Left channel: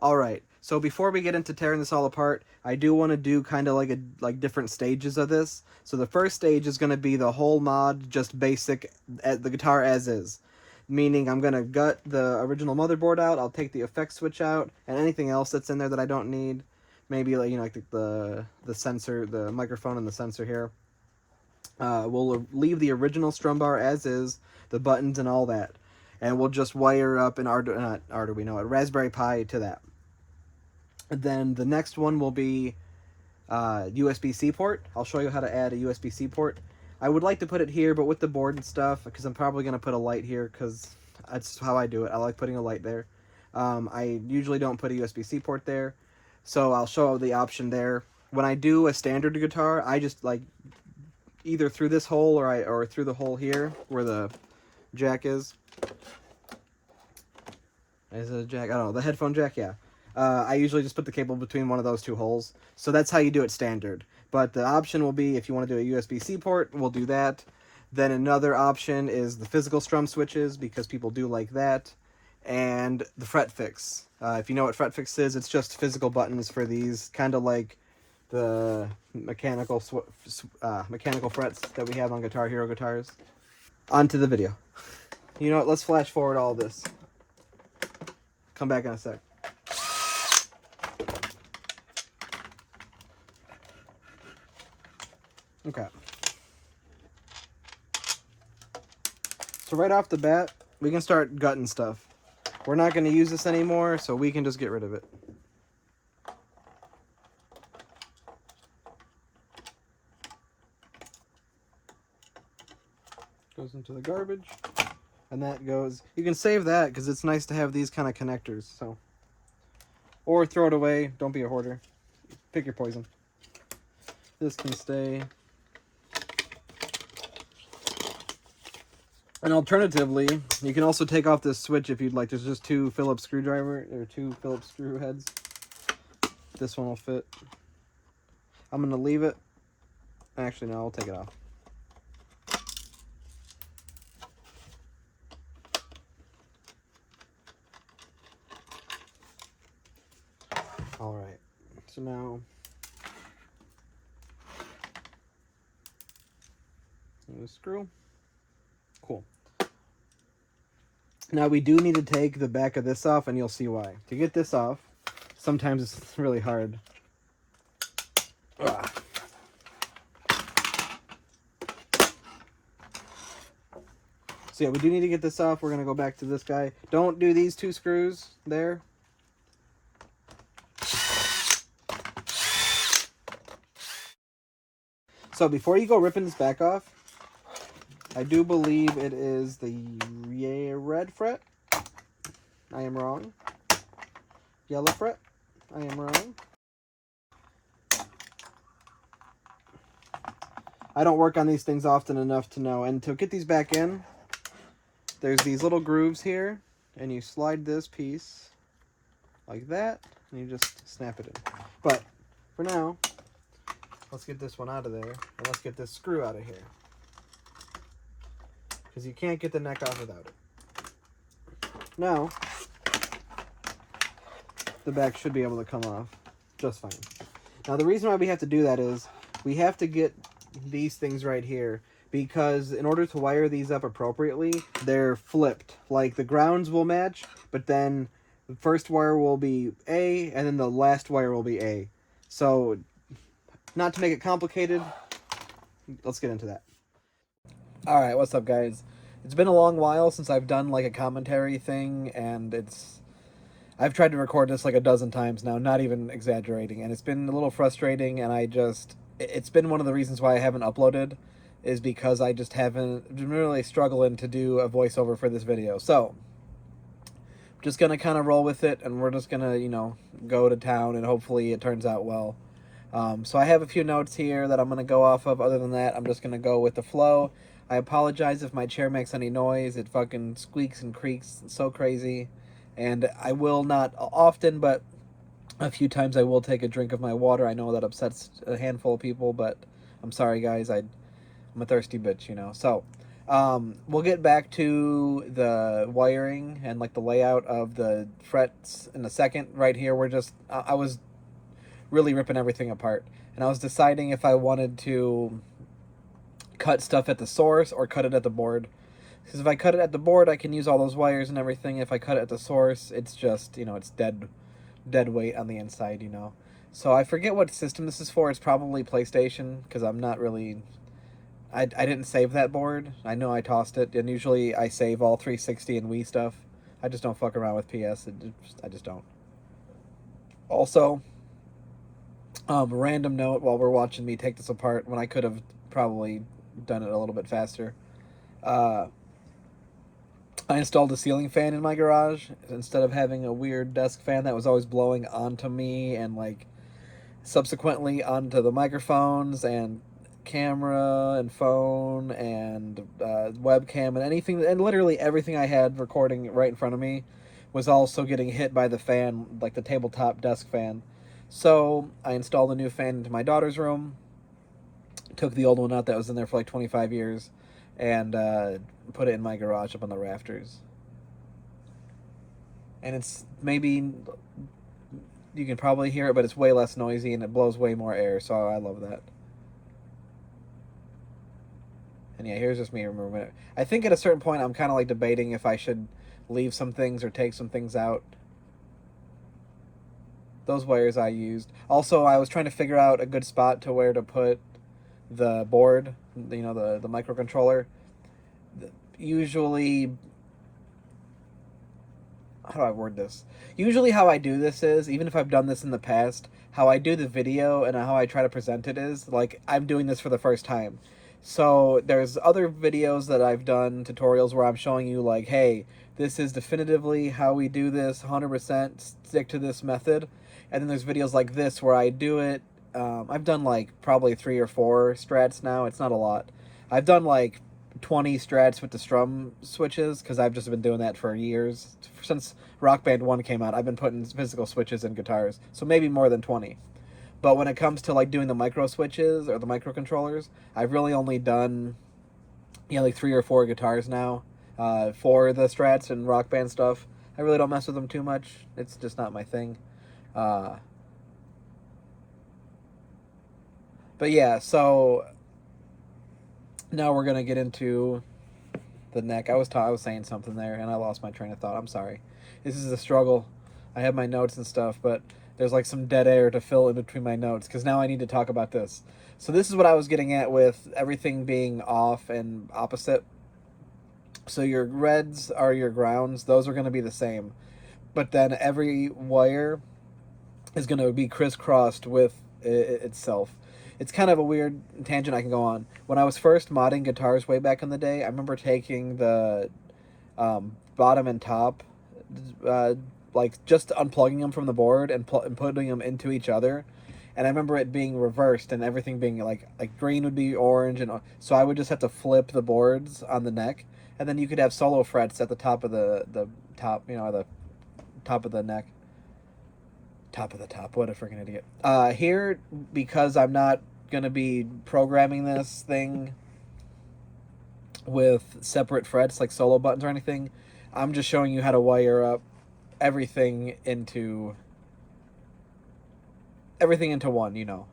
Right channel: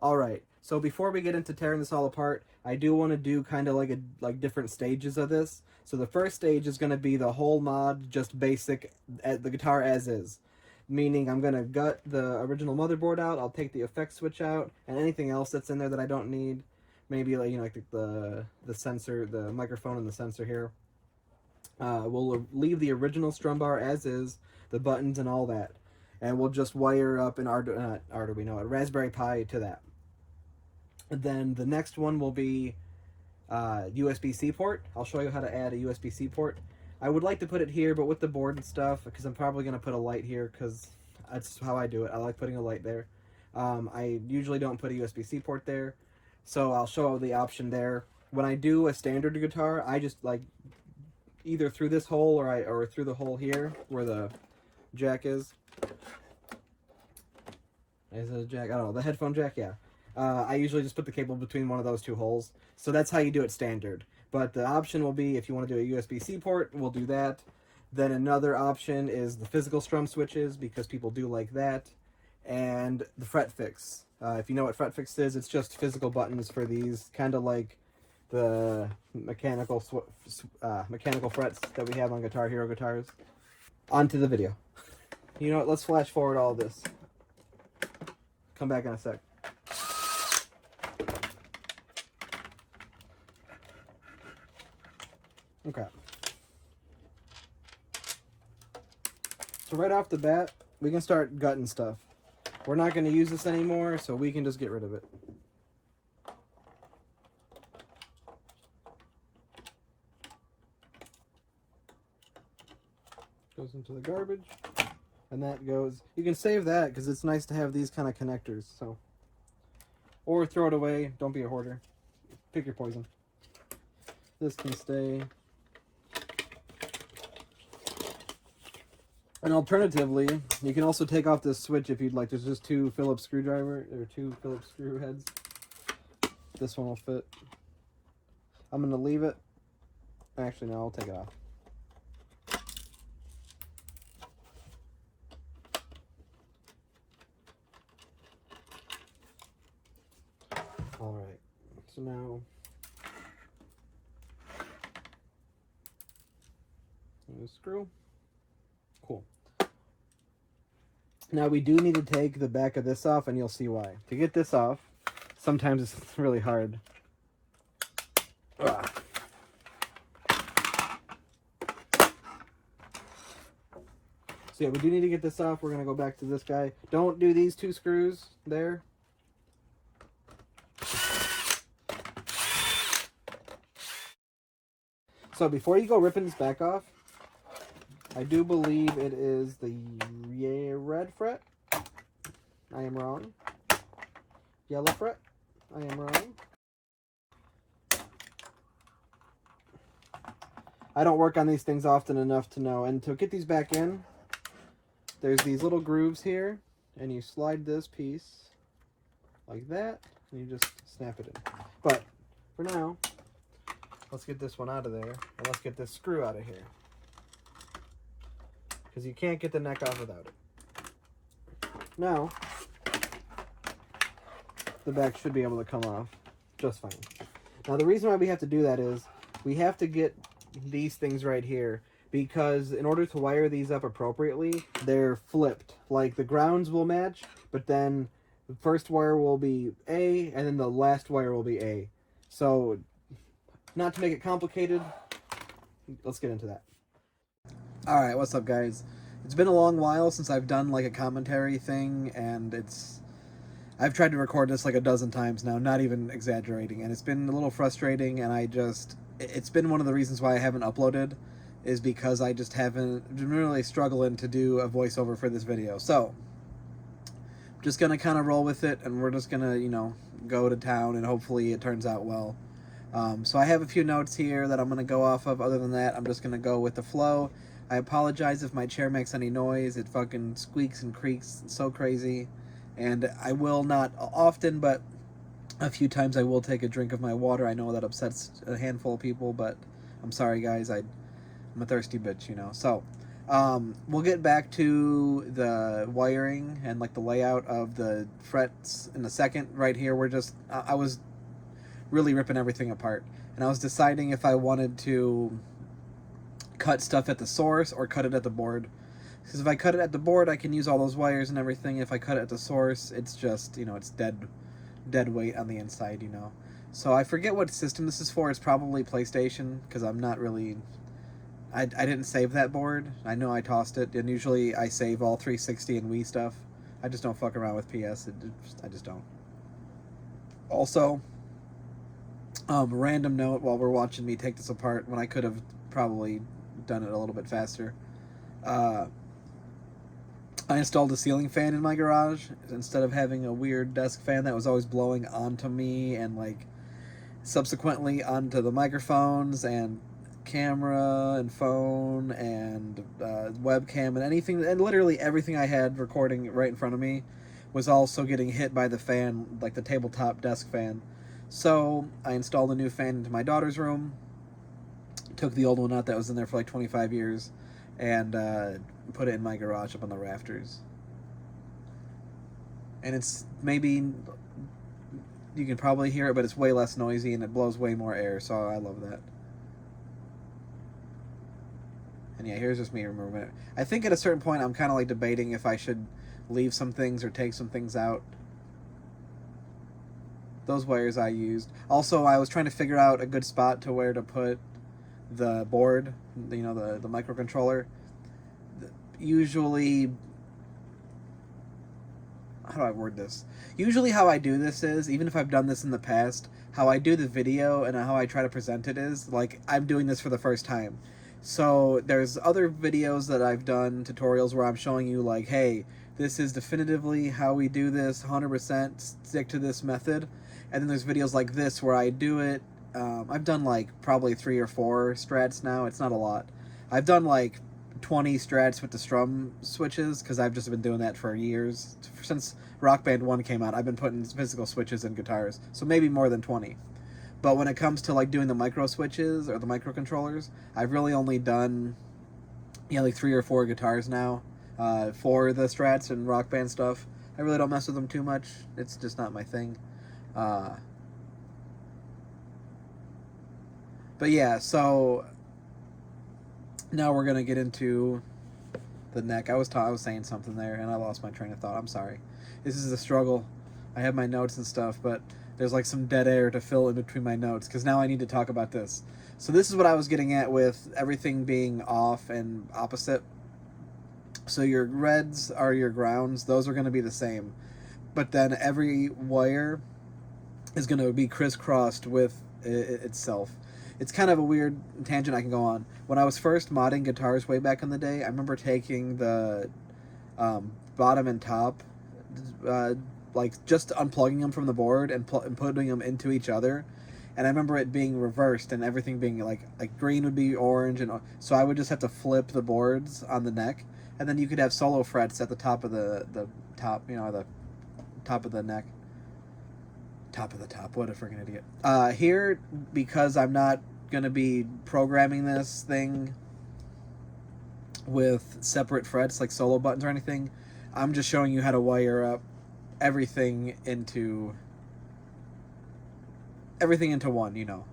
All right. So before we get into tearing this all apart, I do want to do kind of like different stages of this. So the first stage is going to be the whole mod, just basic, the guitar as is. Meaning I'm going to gut the original motherboard out, I'll take the effects switch out, and anything else that's in there that I don't need. Maybe like, you know, like the sensor, the microphone and the sensor here. We'll leave the original strum bar as is, the buttons and all that. And we'll just wire up an Arduino, a Raspberry Pi to that. And then the next one will be USB-C port. I'll show you how to add a USB-C port. I would like to put it here, but with the board and stuff, because I'm probably going to put a light here, because that's how I do it. I like putting a light there. I usually don't put a USB-C port there, so I'll show the option there. When I do a standard guitar, I just like either through this hole or through the hole here where the jack is. Is it a jack? I don't know. The headphone jack, yeah. I usually just put the cable between one of those two holes. So that's how you do it standard. But the option will be, if you want to do a USB-C port, we'll do that. Then another option is the physical strum switches, because people do like that. And the fret fix. If you know what fret fix is, it's just physical buttons for these, kind of like the mechanical frets that we have on Guitar Hero guitars. On to the video. You know what, let's flash forward all this. Come back in a sec. Okay. So right off the bat, we can start gutting stuff. We're not going to use this anymore, so we can just get rid of it. Goes into the garbage. And that goes... You can save that, because it's nice to have these kind of connectors, so... Or throw it away. Don't be a hoarder. Pick your poison. This can stay. And alternatively, you can also take off this switch if you'd like. There's just two Phillips screw heads. This one will fit. I'm going to leave it. Actually, no, I'll take it off. Alright, so now... the screw. Cool. Now we do need to take the back of this off, and you'll see why. To get this off, sometimes it's really hard. Ugh. So yeah, we do need to get this off. We're going to go back to this guy. Don't do these two screws there. So before you go ripping this back off, I do believe it is the red fret. I am wrong. Yellow fret. I am wrong. I don't work on these things often enough to know. And to get these back in, there's these little grooves here, and you slide this piece like that, and you just snap it in. But for now, let's get this one out of there, and let's get this screw out of here, because you can't get the neck off without it. Now, the back should be able to come off just fine. Now, the reason why we have to do that is we have to get these things right here, because in order to wire these up appropriately, they're flipped. Like, the grounds will match, but then the first wire will be A, and then the last wire will be A. So, not to make it complicated, let's get into that. Alright, what's up, guys? It's been a long while since I've done like a commentary thing, and I've tried to record this like a dozen times now, not even exaggerating, and it's been a little frustrating, and it's been one of the reasons why I haven't uploaded, is because I just haven't been really struggling to do a voiceover for this video. So, I'm just gonna kind of roll with it, and we're just gonna, you know, go to town, and hopefully it turns out well. So I have a few notes here that I'm going to go off of. Other than that, I'm just going to go with the flow. I apologize if my chair makes any noise. It fucking squeaks and creaks. It's so crazy. And I will not often, but a few times I will take a drink of my water. I know that upsets a handful of people, but I'm sorry, guys. I'm a thirsty bitch, you know. So, We'll get back to the wiring and like the layout of the frets in a second. Right here, I was really ripping everything apart, and I was deciding if I wanted to cut stuff at the source or cut it at the board. Because if I cut it at the board, I can use all those wires and everything. If I cut it at the source, it's just, it's dead weight on the inside, So I forget what system this is for. It's probably PlayStation, because I'm not really... I didn't save that board. I know I tossed it, and usually I save all 360 and Wii stuff. I just don't fuck around with PS. I just don't. Also, random note while we're watching me take this apart, when I could have probably done it a little bit faster. I installed a ceiling fan in my garage instead of having a weird desk fan that was always blowing onto me and like subsequently onto the microphones and camera and phone and webcam and anything, and literally everything I had recording right in front of me was also getting hit by the fan, like the tabletop desk fan. So I installed a new fan into my daughter's room, took the old one out that was in there for like 25 years, and put it in my garage up on the rafters. And it's maybe, you can probably hear it, but it's way less noisy and it blows way more air, so I love that. And yeah, here's just me removing it. I think at a certain point I'm kind of like debating if I should leave some things or take some things out. Those wires I used. Also, I was trying to figure out a good spot to where to put the board, the microcontroller. Usually, how do I word this? Usually how I do this is, even if I've done this in the past, how I do the video and how I try to present it is, like, I'm doing this for the first time. So there's other videos that I've done, tutorials, where I'm showing you like, hey, this is definitively how we do this, 100%, stick to this method. And then there's videos like this where I do it. I've done like probably 3 or 4 strats now. It's not a lot. I've done like 20 strats with the strum switches, because I've just been doing that for years. Since Rock Band 1 came out, I've been putting physical switches in guitars. So maybe more than 20. But when it comes to like doing the micro switches or the microcontrollers, I've really only done, like 3 or 4 guitars now. For the strats and Rock Band stuff, I really don't mess with them too much. It's just not my thing. But yeah, so now we're gonna get into the neck. I was saying something there and I lost my train of thought. I'm sorry. This is a struggle. I have my notes and stuff, but there's like some dead air to fill in between my notes, because now I need to talk about this. So this is what I was getting at with everything being off and opposite. So your reds are your grounds. Those are going to be the same. But then every wire is going to be crisscrossed with itself. It's kind of a weird tangent I can go on. When I was first modding guitars way back in the day, I remember taking the bottom and top, like just unplugging them from the board and putting them into each other. And I remember it being reversed and everything being like green would be orange, and so I would just have to flip the boards on the neck, and then you could have solo frets at the top of the top, the top of the neck. Top of the top, what a freaking idiot. Here, because I'm not gonna be programming this thing with separate frets like solo buttons or anything, I'm just showing you how to wire up everything into one.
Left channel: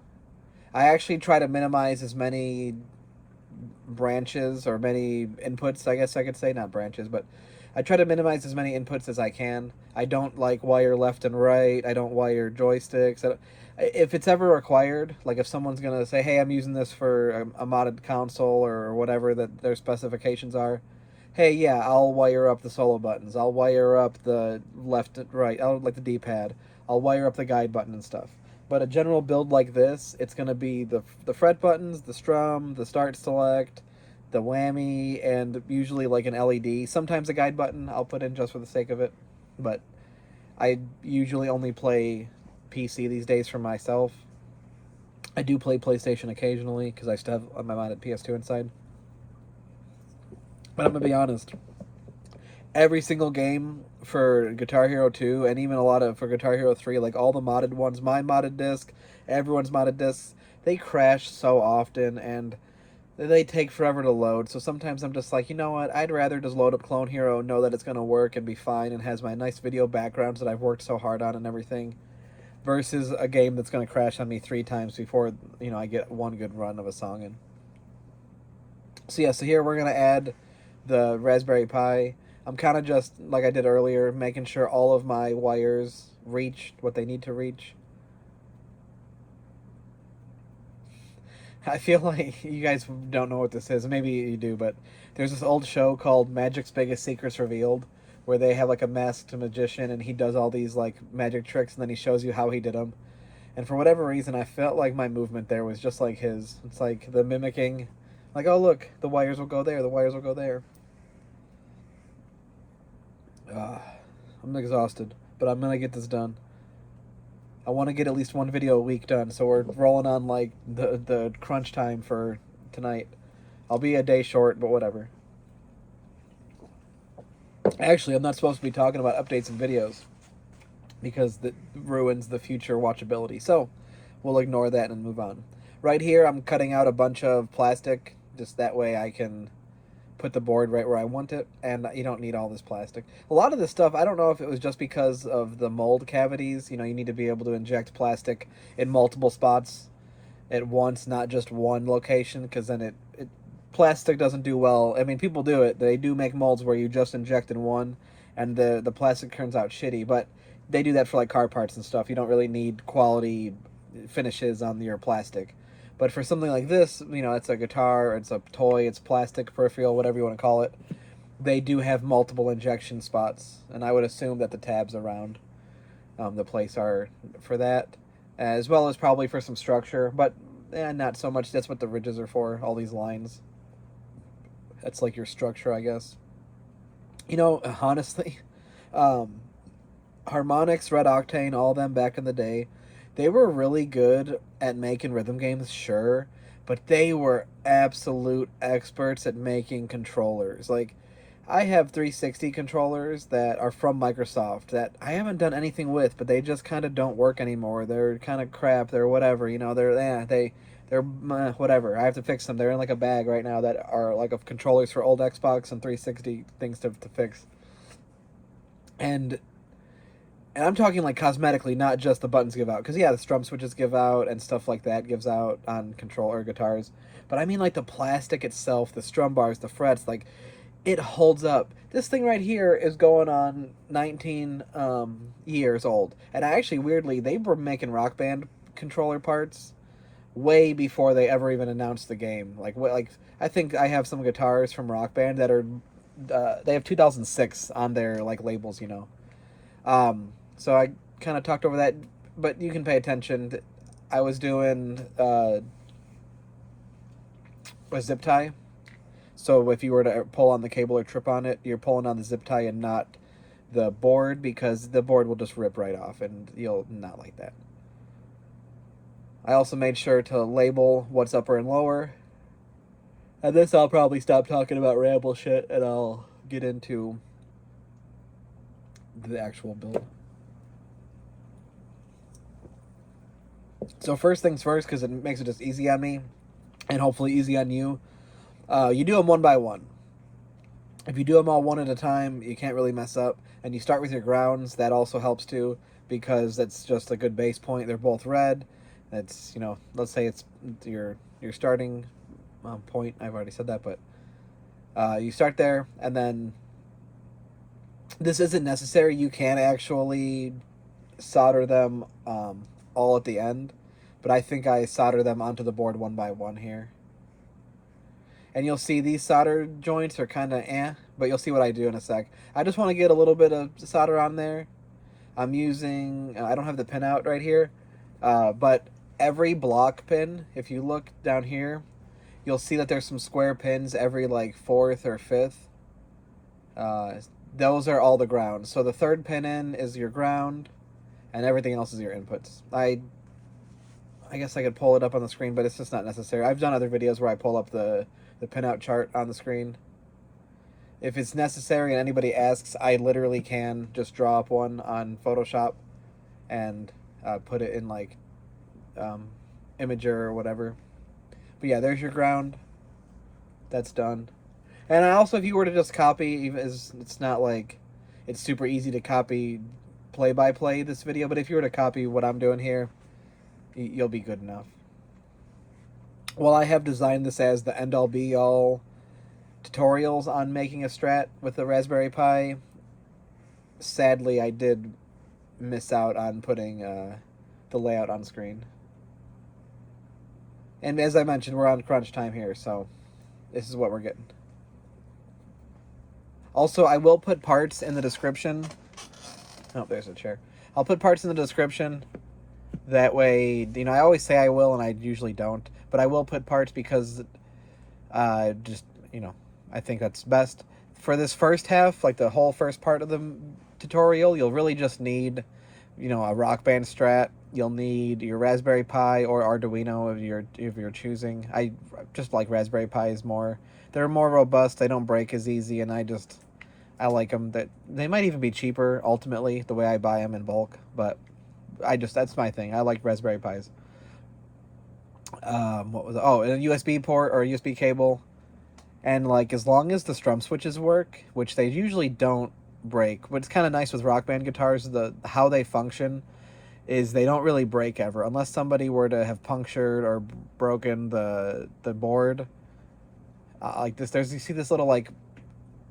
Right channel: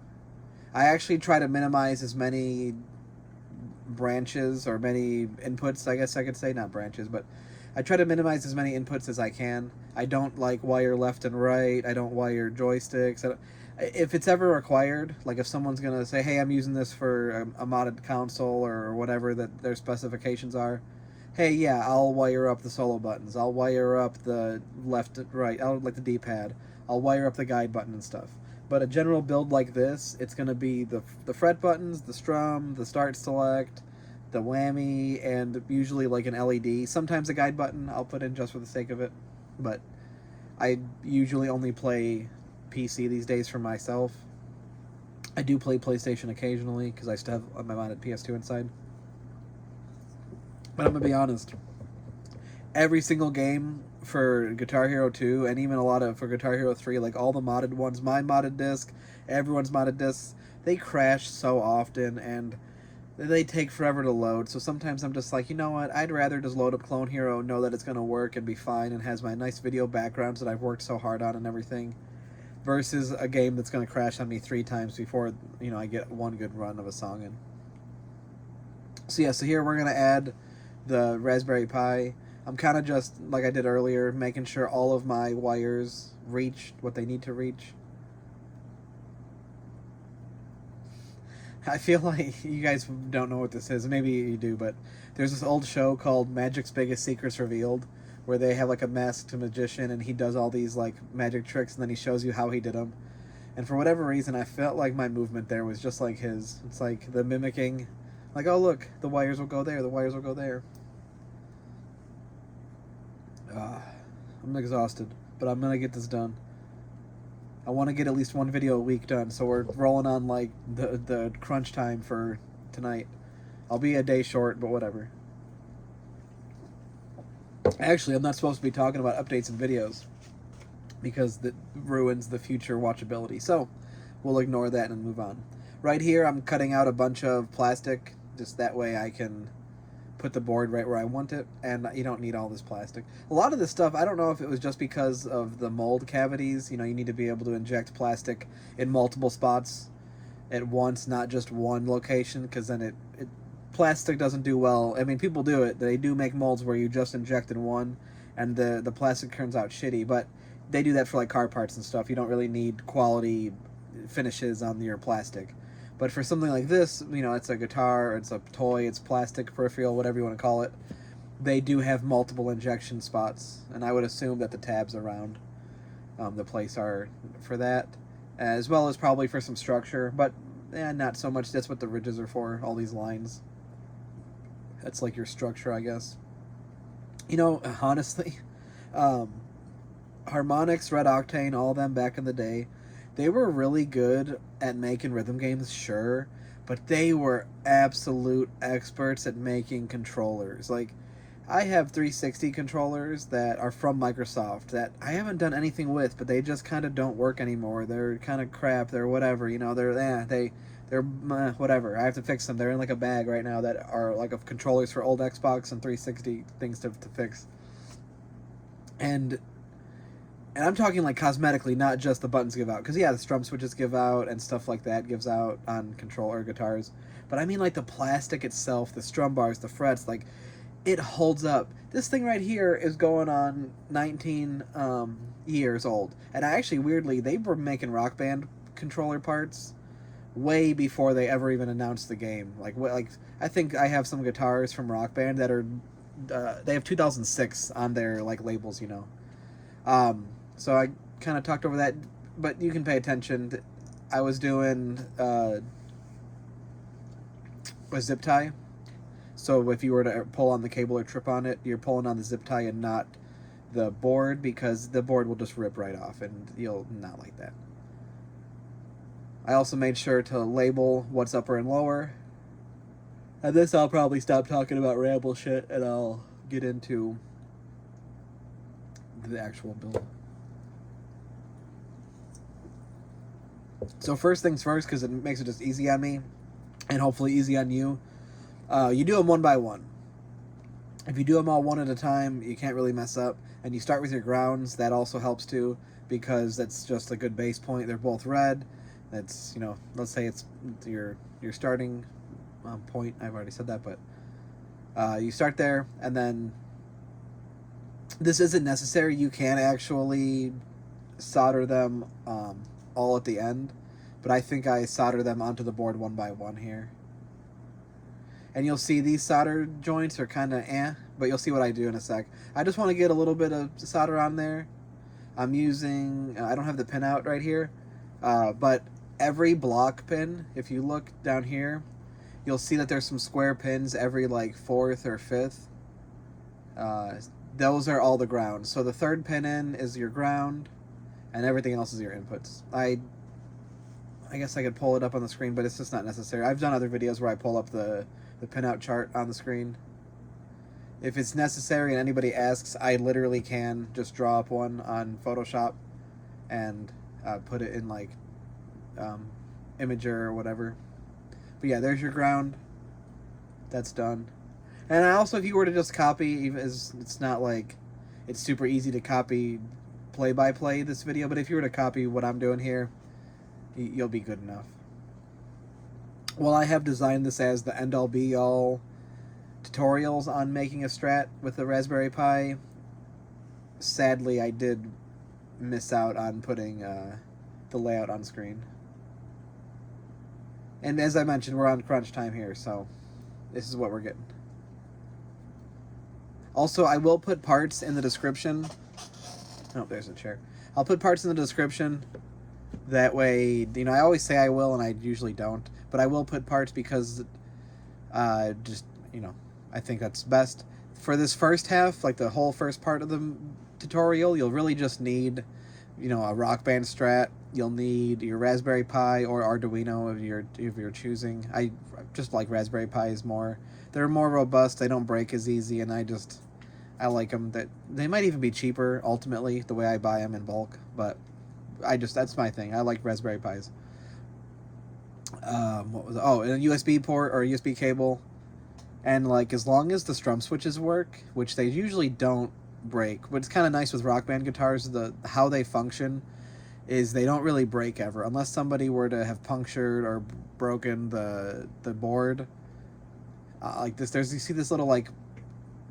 I actually try to minimize as many branches or many inputs, I guess I could say, not branches, but I try to minimize as many inputs as I can. I don't like wire left and right. I don't wire joysticks. If it's ever required, like if someone's gonna say, hey, I'm using this for a modded console or whatever that their specifications are, hey, yeah, I'll wire up the solo buttons. I'll wire up the left and right. I'll like the D-pad. I'll wire up the guide button and stuff. But a general build like this, it's going to be the fret buttons, the strum, the start select, the whammy, and usually like an LED. Sometimes a guide button I'll put in just for the sake of it. But I usually only play PC these days for myself. I do play PlayStation occasionally because I still have my modded PS2 inside. But I'm going to be honest, every single game for Guitar Hero 2 and even a lot for Guitar Hero 3, like all the modded ones, my modded disc, everyone's modded discs, they crash so often, and they take forever to load. So sometimes I'm just like, you know what? I'd rather just load up Clone Hero, know that it's going to work and be fine and has my nice video backgrounds that I've worked so hard on and everything, versus a game that's going to crash on me 3 times before, you know, I get one good run of a song in. So yeah, so here we're going to add the Raspberry Pi. I'm kind of just, like I did earlier, making sure all of my wires reach what they need to reach. I feel like you guys don't know what this is. Maybe you do, but there's this old show called Magic's Biggest Secrets Revealed, where they have like a masked magician and he does all these like magic tricks and then he shows you how he did them. And for whatever reason, I felt like my movement there was just like his. It's like the mimicking, like, oh look, the wires will go there, the wires will go there. I'm exhausted, but I'm gonna get this done. I want to get at least one video a week done, so we're rolling on like the crunch time for tonight. I'll be a day short, but whatever. Actually, I'm not supposed to be talking about updates and videos because that ruins the future watchability. So we'll ignore that and move on. Right here, I'm cutting out a bunch of plastic, just that way I can put the board right where I want it, and you don't need all this plastic. A lot of this stuff, I don't know if it was just because of the mold cavities. You know, you need to be able to inject plastic in multiple spots at once, not just one location, because then it plastic doesn't do well. I mean, people do it. They do make molds where you just inject in one, and the plastic turns out shitty, but they do that for like car parts and stuff. You don't really need quality finishes on your plastic. But for something like this, you know, it's a guitar, it's a toy, it's plastic, peripheral, whatever you want to call it, they do have multiple injection spots, and I would assume that the tabs around the place are for that, as well as probably for some structure, but not so much. That's what the ridges are for, all these lines. That's like your structure, I guess. You know, honestly, Harmonix, Red Octane, all of them back in the day, they were really good at making rhythm games, sure, but they were absolute experts at making controllers. Like, I have 360 controllers that are from Microsoft that I haven't done anything with, but they just kind of don't work anymore. They're kind of crap. They're whatever, you know. They're whatever. I have to fix them. They're in like a bag right now that are like of controllers for old Xbox and 360 things to fix. And I'm talking like cosmetically, not just the buttons give out. Because yeah, the strum switches give out and stuff like that gives out on controller guitars. But I mean like the plastic itself, the strum bars, the frets, like it holds up. This thing right here is going on 19 years old. And I actually, weirdly, they were making Rock Band controller parts way before they ever even announced the game. Like I think I have some guitars from Rock Band that are, they have 2006 on their like labels, you know. So I kind of talked over that, but you can pay attention. I was doing a zip tie. So if you were to pull on the cable or trip on it, you're pulling on the zip tie and not the board, because the board will just rip right off and you'll not like that. I also made sure to label what's upper and lower. And this I'll probably stop talking about ramble shit and I'll get into the actual build. So first things first, because it makes it just easy on me and hopefully easy on you, you do them one by one. If you do them all one at a time, you can't really mess up. And you start with your grounds. That also helps too, because that's just a good base point. They're both red. That's, you know, let's say it's your starting point. I've already said that, but you start there, and then this isn't necessary. You can actually solder them all at the end, but I think I solder them onto the board one by one here. And you'll see these solder joints are kind of but you'll see what I do in a sec. I just want to get a little bit of solder on there. I'm using, I don't have the pin out right here, but every block pin, if you look down here, you'll see that there's some square pins every like 4th or 5th. Those are all the ground. So the third pin in is your ground, and everything else is your inputs. I guess I could pull it up on the screen, but it's just not necessary. I've done other videos where I pull up the pinout chart on the screen. If it's necessary and anybody asks, I literally can just draw up one on Photoshop and put it in like Imager or whatever. But yeah, there's your ground. that's done. And I also, if you were to just copy, it's not like it's super easy to copy play-by-play this video, but if you were to copy what I'm doing here, you'll be good enough. Well, I have designed this as the end-all be-all tutorials on making a Strat with the Raspberry Pi. Sadly, I did miss out on putting the layout on screen. And as I mentioned, we're on crunch time here, so this is what we're getting. Also, I will put parts in the description. Oh, there's a chair. I'll put parts in the description. That way, you know, I always say I will, and I usually don't. But I will put parts because, just, you know, I think that's best. For this first half, like the whole first part of the tutorial, you'll really just need, you know, a Rock Band Strat. You'll need your Raspberry Pi or Arduino if you're choosing. I just like Raspberry Pis more. They're more robust. They don't break as easy, and I like them. That they might even be cheaper ultimately the way I buy them in bulk, but that's my thing. I like Raspberry Pis. What was it? Oh, a USB port or a USB cable, and like as long as the strum switches work, which they usually don't break. What's kind of nice with Rock Band guitars, how they function is they don't really break ever, unless somebody were to have punctured or broken the board. Like this, you see this little like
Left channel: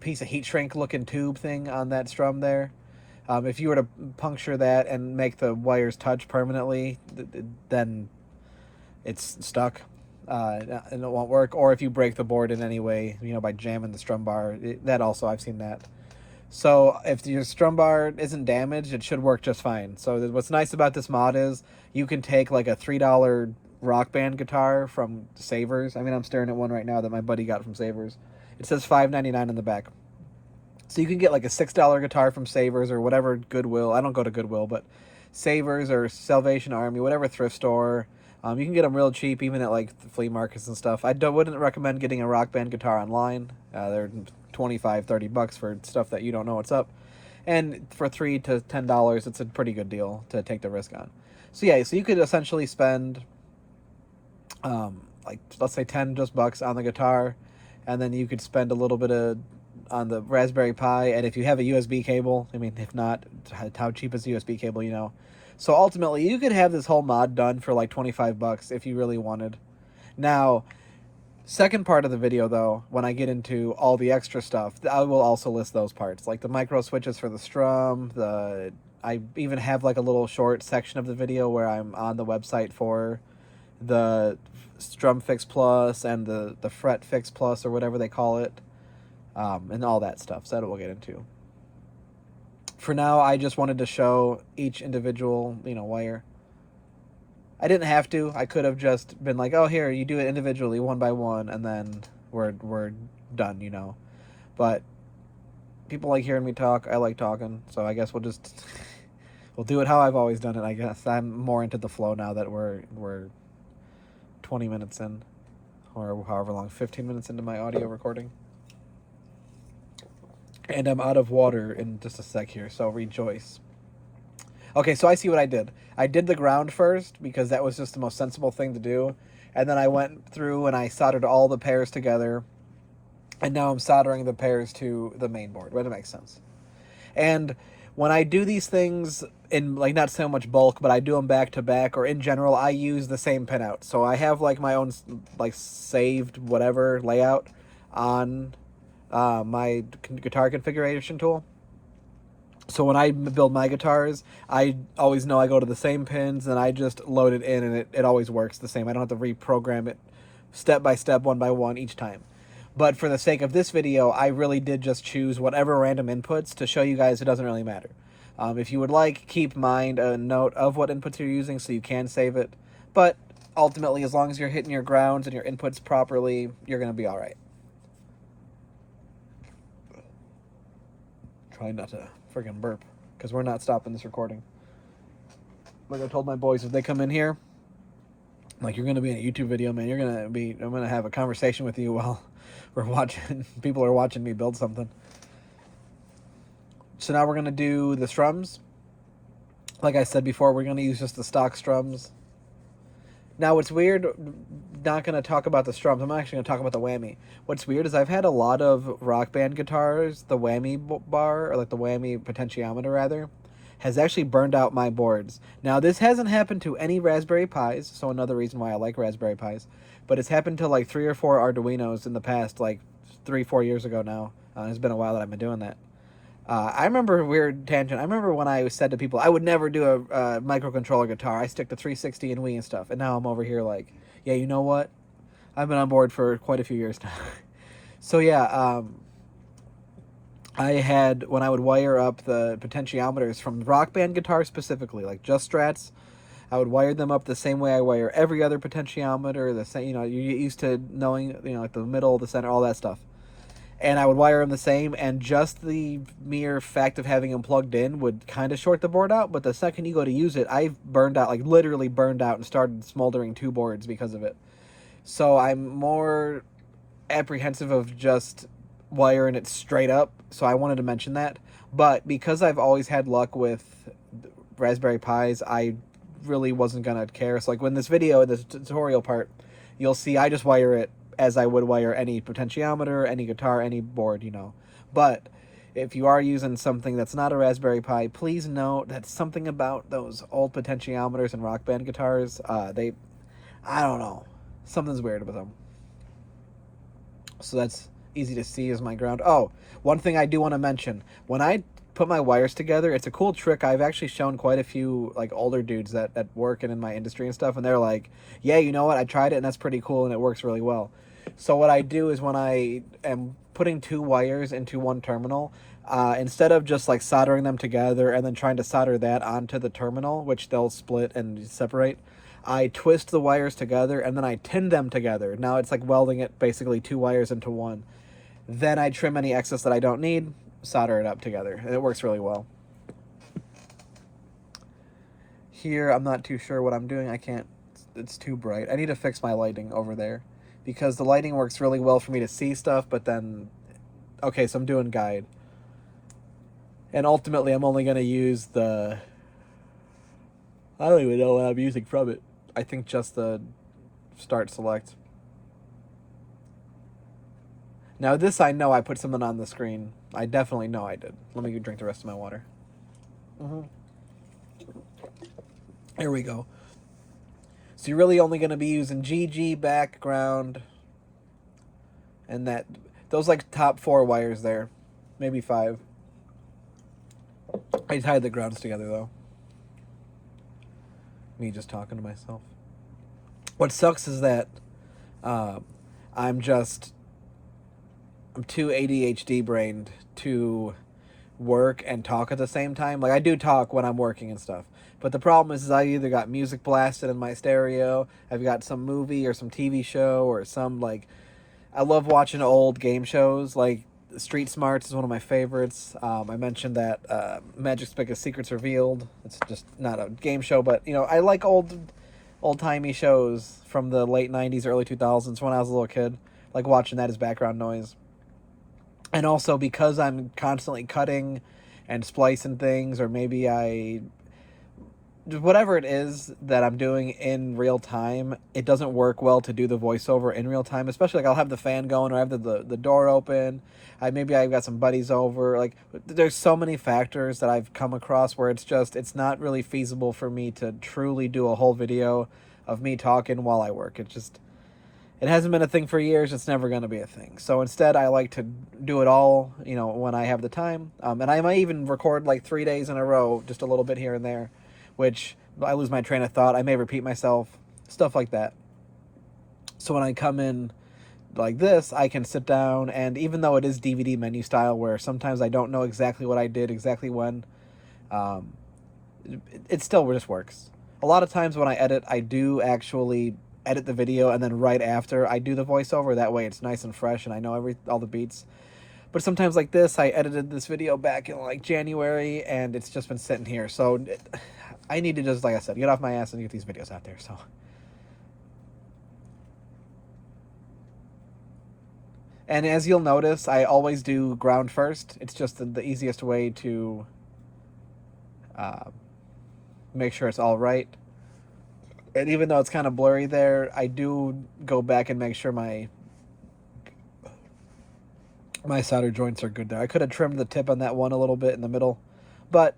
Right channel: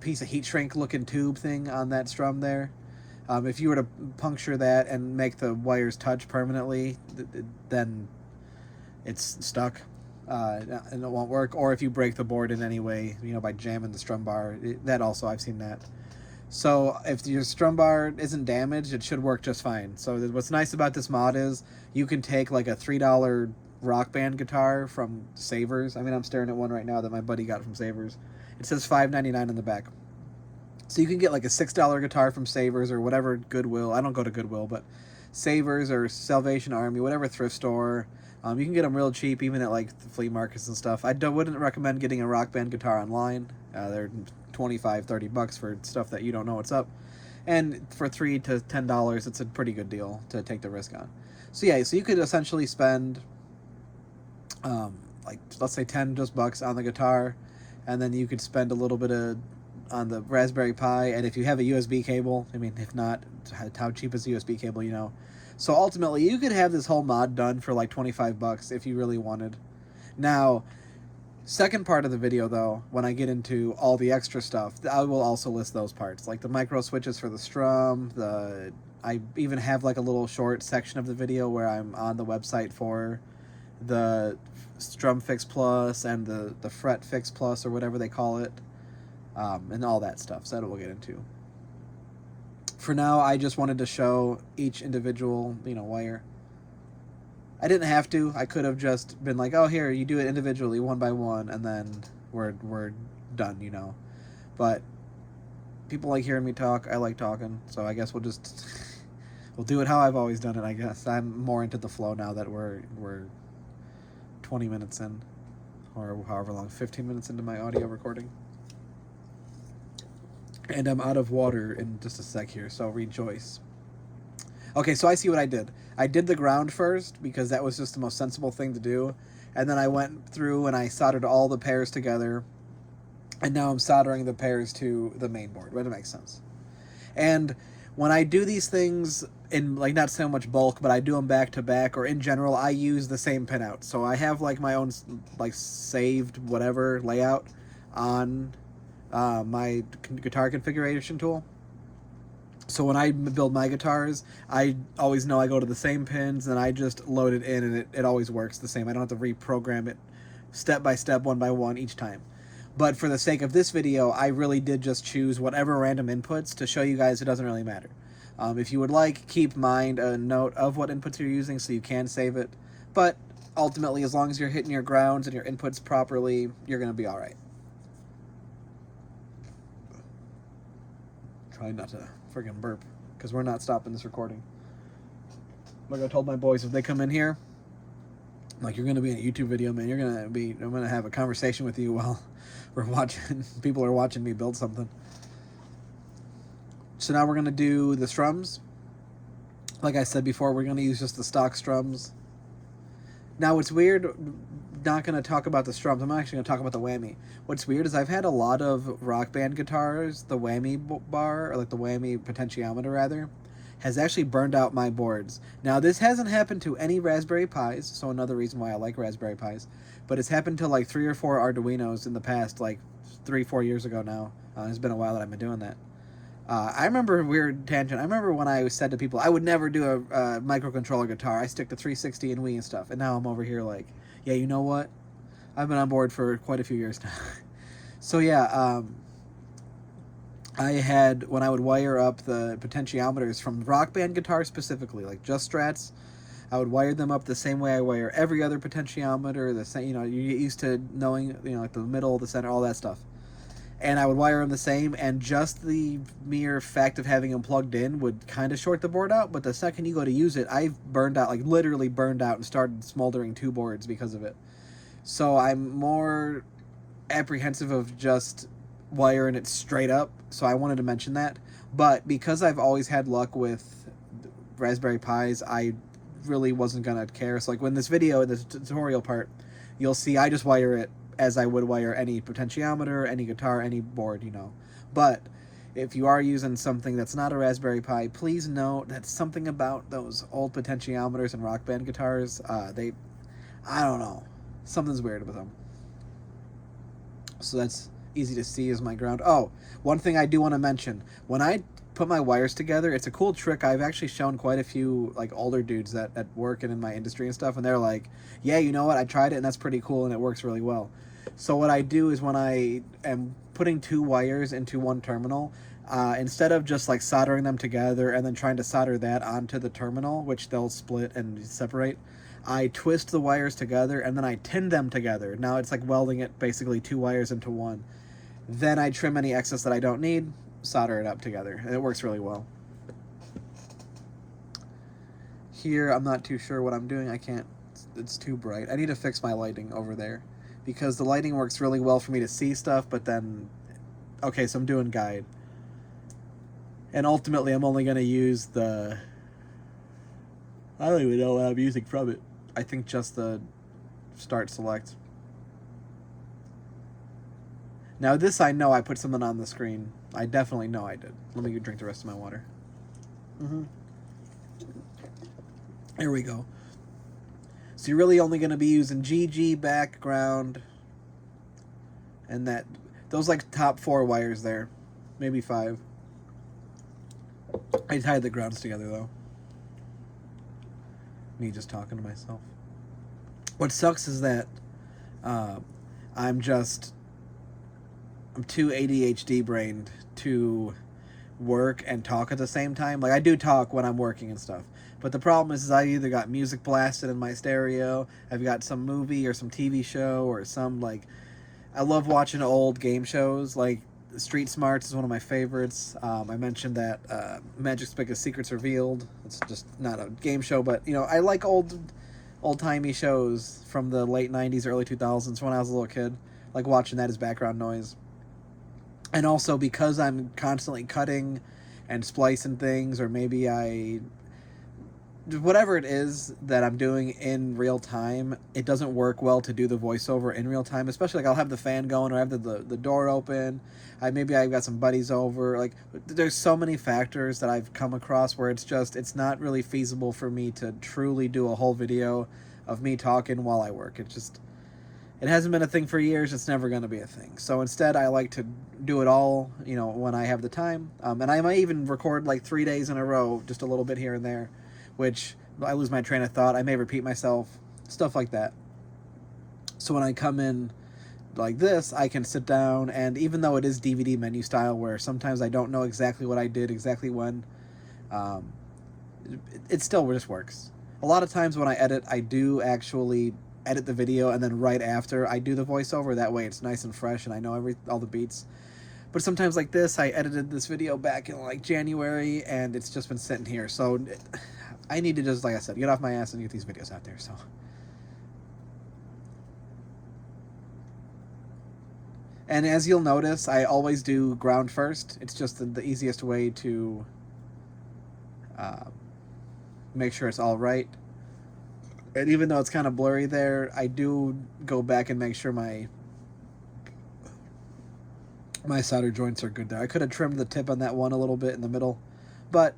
piece of heat shrink looking tube thing on that strum there. If you were to puncture that and make the wires touch permanently, then it's stuck and it won't work. Or if you break the board in any way, you know, by jamming the strum bar, that also, I've seen that. So if your strum bar isn't damaged, it should work just fine. So what's nice about this mod is you can take like a $3 Rock Band guitar from Savers. I mean, I'm staring at one right now that my buddy got from Savers. It says $5.99 in the back. So you can get like a $6 guitar from Savers or whatever Goodwill. I don't go to Goodwill, but Savers or Salvation Army, whatever thrift store. You can get them real cheap, even at like the flea markets and stuff. I wouldn't recommend getting a Rock Band guitar online. They're $25-$30 for stuff that you don't know what's up. And for $3 to $10, it's a pretty good deal to take the risk on. So yeah, so you could essentially spend like, let's say $10 on the guitar, and then you could spend a little bit on the Raspberry Pi, and if you have a USB cable, I mean, if not, how cheap is a USB cable, you know? So ultimately, you could have this whole mod done for like $25 if you really wanted. Now, second part of the video, though, when I get into all the extra stuff, I will also list those parts, like the micro switches for the strum, I even have like a little short section of the video where I'm on the website for the Strum Fix Plus and the Fret Fix Plus or whatever they call it, and all that stuff, so that we'll get into. For now, I just wanted to show each individual, you know, wire. I didn't have to. I could have just been like, oh, here, you do it individually, one by one, and then we're done, you know. But people like hearing me talk. I like talking, so I guess we'll do it how I've always done it, I guess. I'm more into the flow now that we're 20 minutes in, or however long, 15 minutes into my audio recording. And I'm out of water in just a sec here, so rejoice. Okay, so I see what I did. I did the ground first because that was just the most sensible thing to do. And then I went through and I soldered all the pairs together. And now I'm soldering the pairs to the main board, right? It makes sense. And when I do these things in, like, not so much bulk, but I do them back to back, or in general, I use the same pinout. So I have, like, my own, like, saved whatever layout on my guitar configuration tool. So when I build my guitars, I always know I go to the same pins and I just load it in, and it always works the same. I don't have to reprogram it step by step, one by one each time. But for the sake of this video, I really did just choose whatever random inputs to show you guys it doesn't really matter. If you would like, keep mind a note of what inputs you're using so you can save it. But ultimately, as long as you're hitting your grounds and your inputs properly, you're going to be all right. Try not to friggin' burp, because we're not stopping this recording. Like I told my boys, if they come in here, like, you're going to be in a YouTube video, man. I'm going to have a conversation with you while we're watching. People are watching me build something. So now we're going to do the strums. Like I said before, we're going to use just the stock strums. Now, what's weird, not going to talk about the strums. I'm actually going to talk about the whammy. What's weird is I've had a lot of rock band guitars. The whammy bar, or like the whammy potentiometer rather, has actually burned out my boards. Now, this hasn't happened to any Raspberry Pis, so another reason why I like Raspberry Pis. But it's happened to like 3 or 4 Arduinos in the past, like 3-4 years ago now. It's been a while that I've been doing that. I remember a weird tangent. I remember when I said to people, I would never do a microcontroller guitar. I stick to 360 and Wii and stuff. And now I'm over here like, yeah, you know what? I've been on board for quite a few years now. So yeah, I had, when I would wire up the potentiometers from Rock Band guitars specifically, like just Strats, I would wire them up the same way I wire every other potentiometer. The same, you know, you get used to knowing, you know, like the middle, the center, all that stuff. And I would wire them the same, and just the mere fact of having them plugged in would kind of short the board out. But the second you go to use it, I've burned out, like literally burned out, and started smoldering 2 boards because of it. So I'm more apprehensive of just wiring it straight up, so I wanted to mention that. But because I've always had luck with Raspberry Pis, I really wasn't gonna care. So like when this video, this tutorial part, you'll see I just wire it as I would wire any potentiometer, any guitar, any board, you know. But if you are using something that's not a Raspberry Pi, please note that something about those old potentiometers and Rock Band guitars, I don't know, something's weird about them. So that's easy to see as my ground. Oh, one thing I do want to mention, when I put my wires together, it's a cool trick. I've actually shown quite a few like older dudes that work in my industry and stuff, and they're like, yeah, you know what, I tried it and that's pretty cool and it works really well. So what I do is when I am putting 2 wires into one terminal, instead of just like soldering them together and then trying to solder that onto the terminal, which they'll split and separate, I twist the wires together and then I tin them together. Now it's like welding it, basically 2 wires into one. Then I trim any excess that I don't need, solder it up together, and it works really well. Here, I'm not too sure what I'm doing. I can't, it's too bright. I need to fix my lighting over there, because the lighting works really well for me to see stuff, but then, okay, so I'm doing guide. And ultimately, I'm only going to use the, I don't even know what I'm using from it. I think just the start select. Now this I know I put something on the screen. I definitely know I did. Let me drink the rest of my water. Here we go. So you're really only going to be using GG, background, and that, those like top 4 wires there. Maybe 5. I tied the grounds together though. Me just talking to myself. What sucks is that I'm too ADHD brained to work and talk at the same time. Like I do talk when I'm working and stuff, but the problem is I either got music blasted in my stereo, I've got some movie or some TV show or some, like, I love watching old game shows. Like Street Smarts is one of my favorites. I mentioned that Magic's Biggest Secrets Revealed. It's just not a game show, but you know, I like old-timey shows from the late 90s, early 2000s when I was a little kid. Like watching that as background noise. And also because I'm constantly cutting and splicing things, or maybe whatever it is that I'm doing in real time, it doesn't work well to do the voiceover in real time, especially like I'll have the fan going or I have the door open. Maybe I've got some buddies over. Like there's so many factors that I've come across where it's not really feasible for me to truly do a whole video of me talking while I work. It hasn't been a thing for years. It's never going to be a thing. So instead, I like to do it all, you know, when I have the time. And I might even record like 3 days in a row, just a little bit here and there, which I lose my train of thought. I may repeat myself, stuff like that. So when I come in like this, I can sit down, and even though it is DVD menu style, where sometimes I don't know exactly what I did, exactly when, it still just works. A lot of times when I edit, I do actually edit the video, and then right after I do the voiceover. That way it's nice and fresh and I know all the beats. But sometimes like this, I edited this video back in like January and it's just been sitting here. So I need to just, like I said, get off my ass and get these videos out there. So and as you'll notice, I always do ground first. It's just the easiest way to make sure it's all right. And even though it's kind of blurry there, I do go back and make sure my solder joints are good there. I could have trimmed the tip on that one a little bit in the middle, but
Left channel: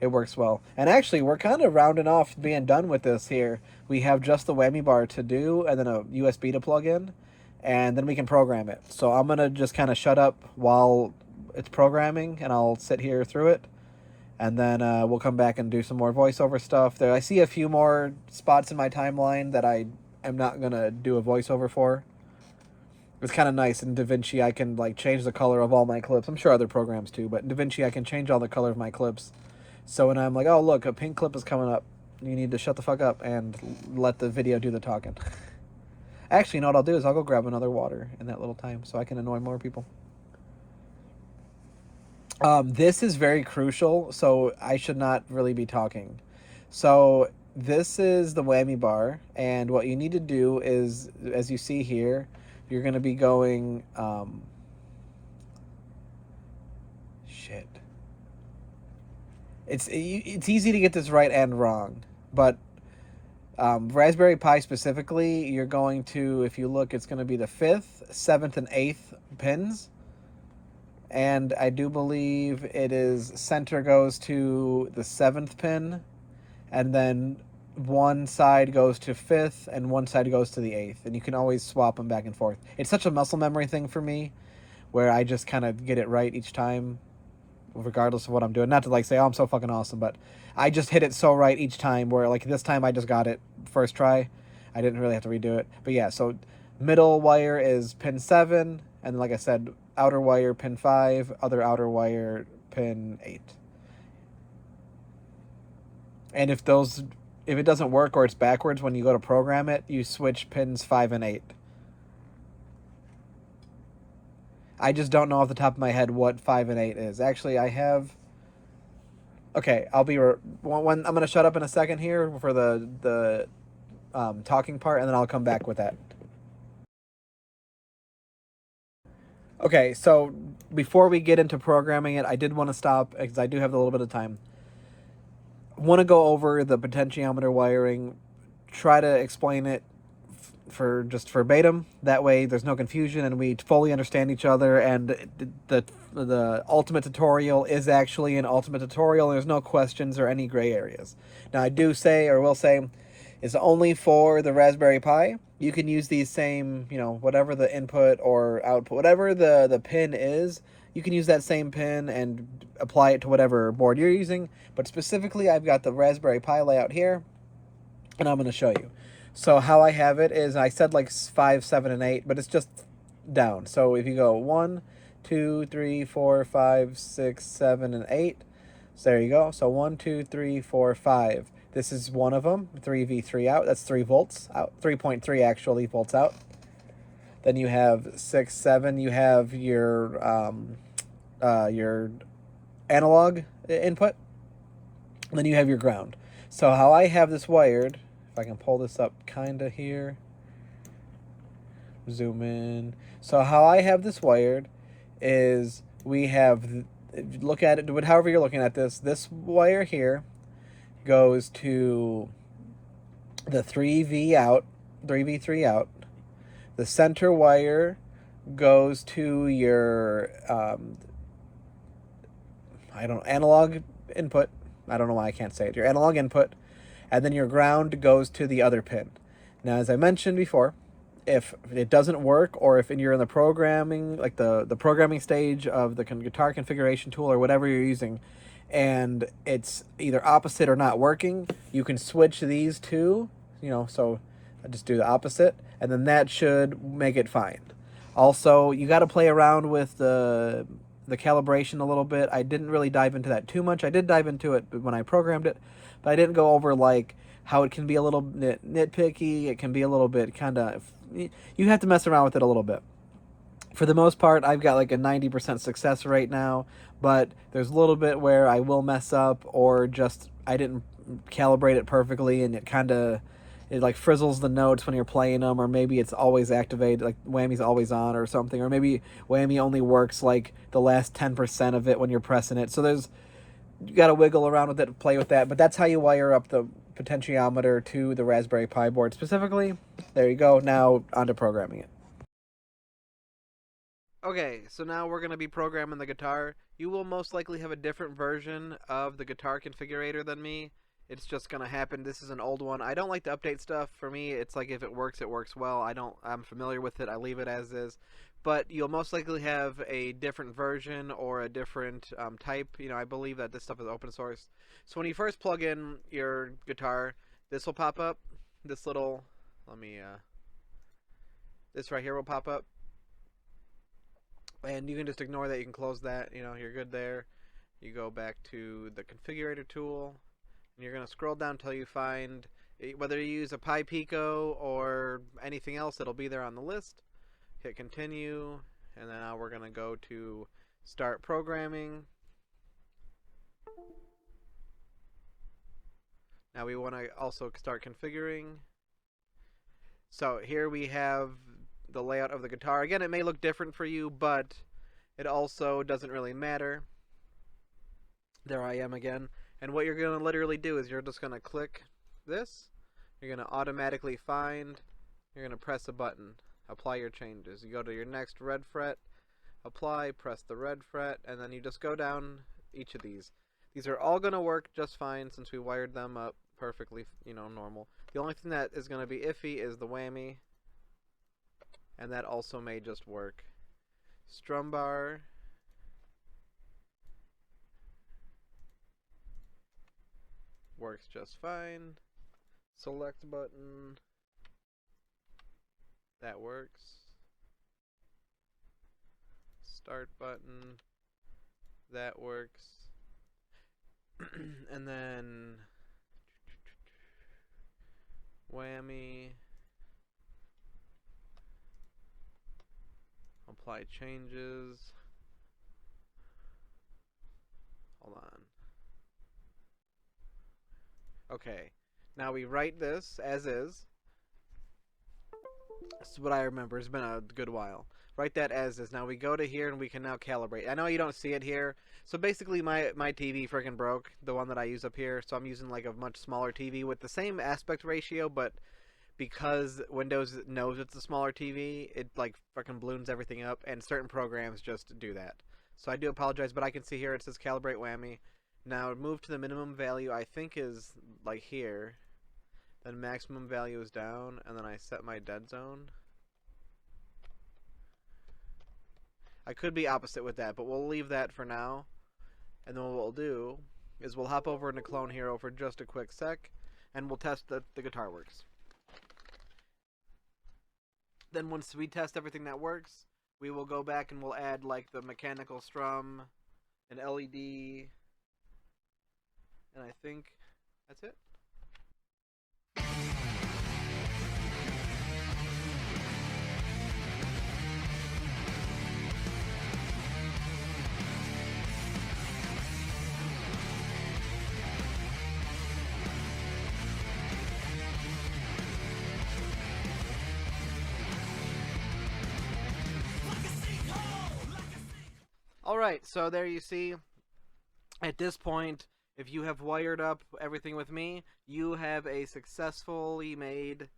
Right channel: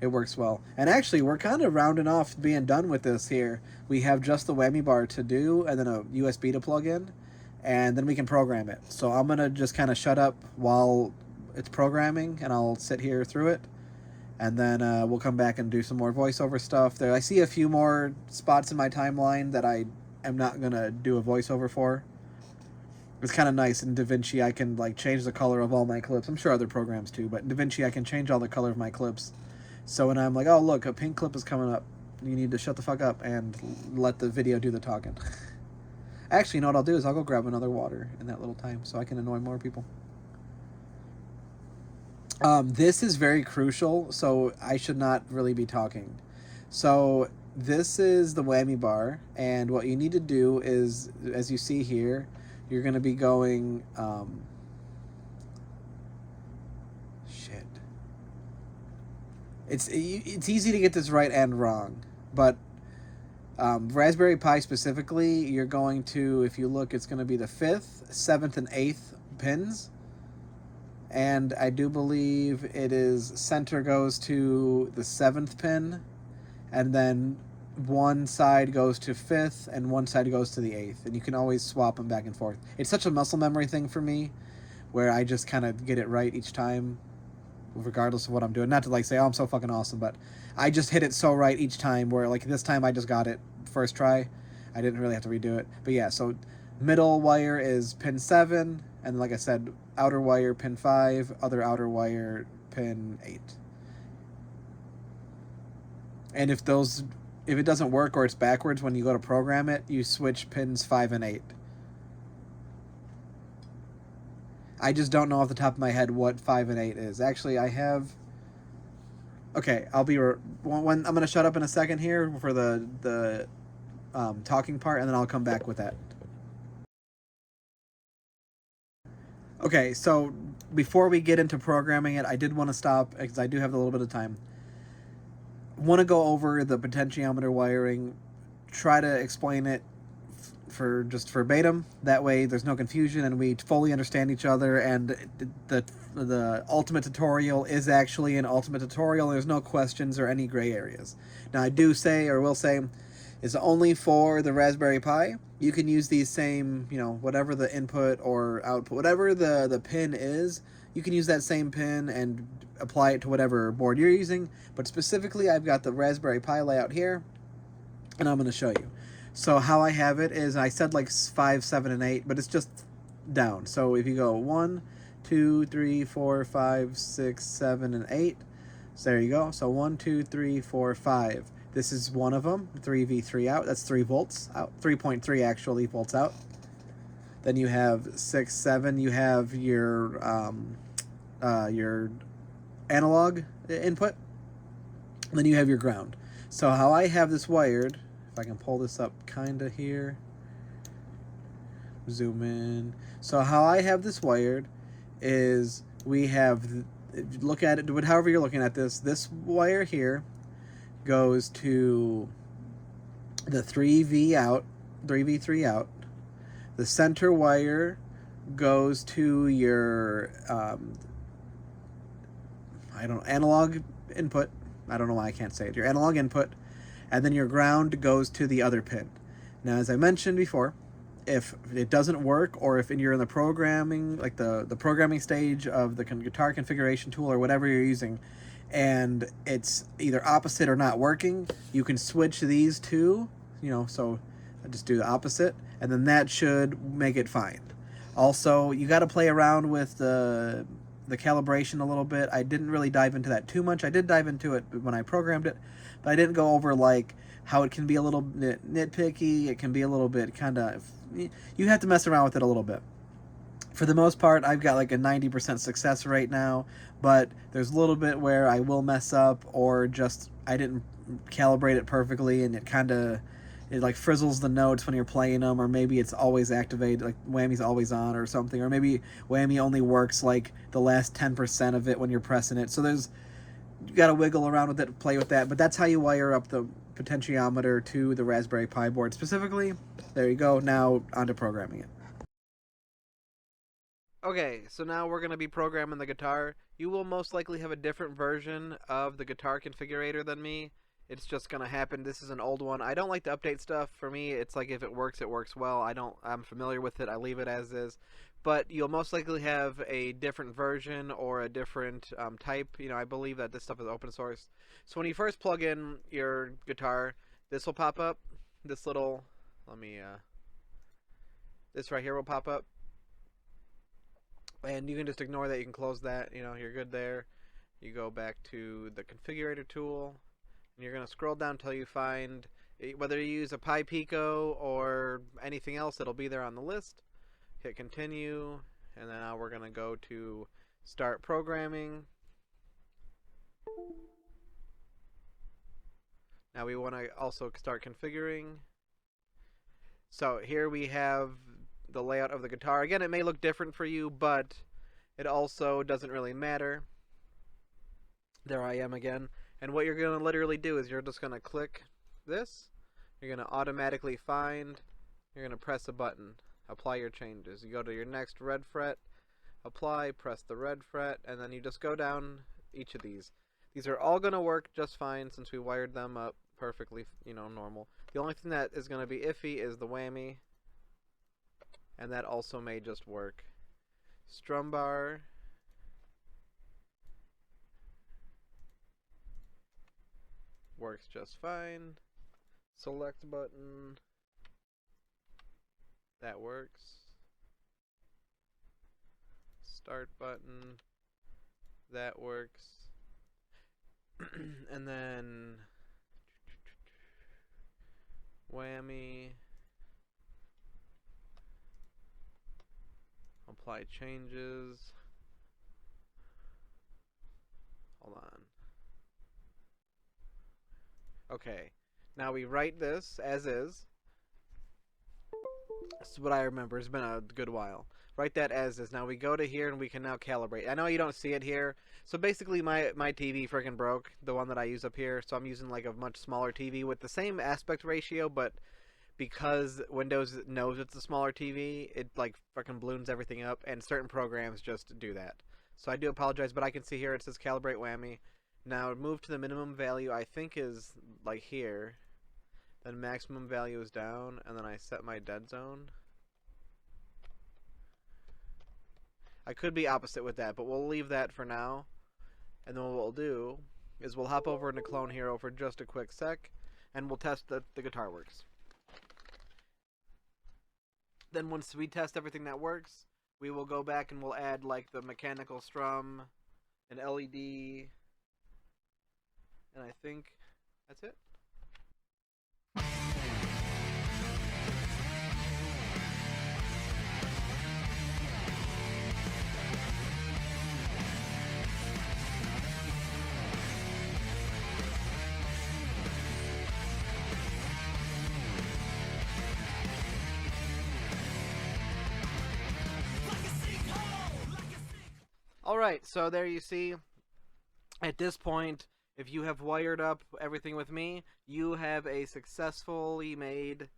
it works well. And actually, we're kind of rounding off being done with this here. We have just the whammy bar to do, and then a USB to plug in, and then we can program it. So I'm going to just kind of shut up while it's programming, and I'll sit here through it. And then we'll come back and do some more voiceover stuff. There, I see a few more spots in my timeline that I am not going to do a voiceover for. It's kind of nice. In DaVinci, I can like change the color of all my clips. I'm sure other programs too, but in DaVinci, I can change all the color of my clips. So when I'm like, oh, look, a pink clip is coming up, you need to shut the fuck up and let the video do the talking. Actually, you know what I'll do is I'll go grab another water in that little time so I can annoy more people. This is very crucial, so I should not really be talking. So this is the whammy bar, and what you need to do is, as you see here, you're going to be going, shit. It's easy to get this right and wrong, but Raspberry Pi specifically, you're going to, if you look, it's going to be the 5th, 7th, and 8th pins. And I do believe it is center goes to the 7th pin, and then one side goes to 5th, and one side goes to the 8th. And you can always swap them back and forth. It's such a muscle memory thing for me, where I just kind of get it right each time, regardless of what I'm doing. Not to like say, oh, I'm so fucking awesome, but I just hit it so right each time, where like this time I just got it first try. I didn't really have to redo it. But yeah, so middle wire is pin 7, and like I said, outer wire pin 5, other outer wire pin 8. And if it doesn't work or it's backwards when you go to program it, you switch pins 5 and 8. I just don't know off the top of my head what 5 and 8 is. Actually, I have... Okay, I'll be... I'm going to shut up in a second here for the talking part, and then I'll come back with that. Okay, so before we get into programming it, I did want to stop, because I do have a little bit of time. Want to go over the potentiometer wiring, try to explain it for just verbatim. That way there's no confusion and we fully understand each other, and the ultimate tutorial is actually an ultimate tutorial. There's no questions or any gray areas. Now I do say, or will say, is only for the Raspberry Pi. You can use these same, you know, whatever the input or output, whatever the pin is, you can use that same pin and apply it to whatever board you're using. But specifically, I've got the Raspberry Pi layout here, and I'm going to show you. So how I have it is, I said like 5, 7, and 8, but it's just down. So if you go 1, 2, 3, 4, 5, 6, 7, and 8, so there you go. So 1, 2, 3, 4, 5. This is one of them, 3V3 out. That's 3 volts out, 3.3 actually volts out. Then you have 6, 7. You have your analog input. And then you have your ground. So how I have this wired, if I can pull this up kind of here, zoom in. So how I have this wired is we have, look at it, however you're looking at this wire here goes to the 3V out, 3V3 out. The center wire goes to your analog input. I don't know why I can't say it. Your analog input, and then your ground goes to the other pin. Now, as I mentioned before, if it doesn't work, or if you're in the programming, like the programming stage of the guitar configuration tool or whatever you're using, and it's either opposite or not working, you can switch these two, you know, so I just do the opposite, and then that should make it fine. Also, you got to play around with the calibration a little bit. I didn't really dive into that too much. I did dive into it when I programmed it, but I didn't go over like how it can be a little nitpicky. It can be a little bit kind of, you have to mess around with it a little bit. For the most part, I've got like a 90% success rate now, but there's a little bit where I will mess up, or just I didn't calibrate it perfectly, and it like frizzles the notes when you're playing them, or maybe it's always activated, like whammy's always on or something, or maybe whammy only works like the last 10% of it when you're pressing it. So you got to wiggle around with it, play with that, but that's how you wire up the potentiometer to the Raspberry Pi board specifically. There you go. Now onto programming it. Okay, so now we're going to be programming the guitar. You will most likely have a different version of the guitar configurator than me. It's just going to happen. This is an old one. I don't like to update stuff. For me, it's like if it works well. I'm familiar with it. I leave it as is. But you'll most likely have a different version or a different type. You know, I believe that this stuff is open source. So when you first plug in your guitar, this will pop up. This little, this right here will pop up. And you can just ignore that. You can close that. You know, you're good there. You go back to the configurator tool, and you're going to scroll down until you find, whether you use a Pi Pico or anything else, it'll be there on the list. Hit continue, and then now we're going to go to start programming. Now we want to also start configuring. So here we have the layout of the guitar. Again, it may look different for you, but it also doesn't really matter. There I am again. And what you're going to literally do is you're just going to click this. You're going to automatically find. You're going to press a button. Apply your changes. You go to your next red fret. Apply. Press the red fret. And then you just go down each of these. These are all going to work just fine since we wired them up perfectly, you know, normal. The only thing that is going to be iffy is the whammy. And that also may just work. Strum bar. Works just fine. Select button. That works. Start button. That works. And then whammy. Apply changes. Hold on. Okay. Now we write this as is. This is what I remember. It's been a good while. Write that as is. Now we go to here and we can now calibrate. I know you don't see it here. So basically my TV freaking broke. The one that I use up here. So I'm using like a much smaller TV with the same aspect ratio, but because Windows knows it's a smaller TV, it like fucking balloons everything up, and certain programs just do that. So I do apologize, but I can see here it says calibrate whammy. Now move to the minimum value, I think is like here. Then maximum value is down, and then I set my dead zone. I could be opposite with that, but we'll leave that for now. And then what we'll do is we'll hop over into Clone Hero for just a quick sec, and we'll test that the guitar works. Then once we test everything that works, we will go back and we'll add like the mechanical strum, an LED, and I think that's it. Alright, so there you see, at this point, if you have wired up everything with me, you have a successfully made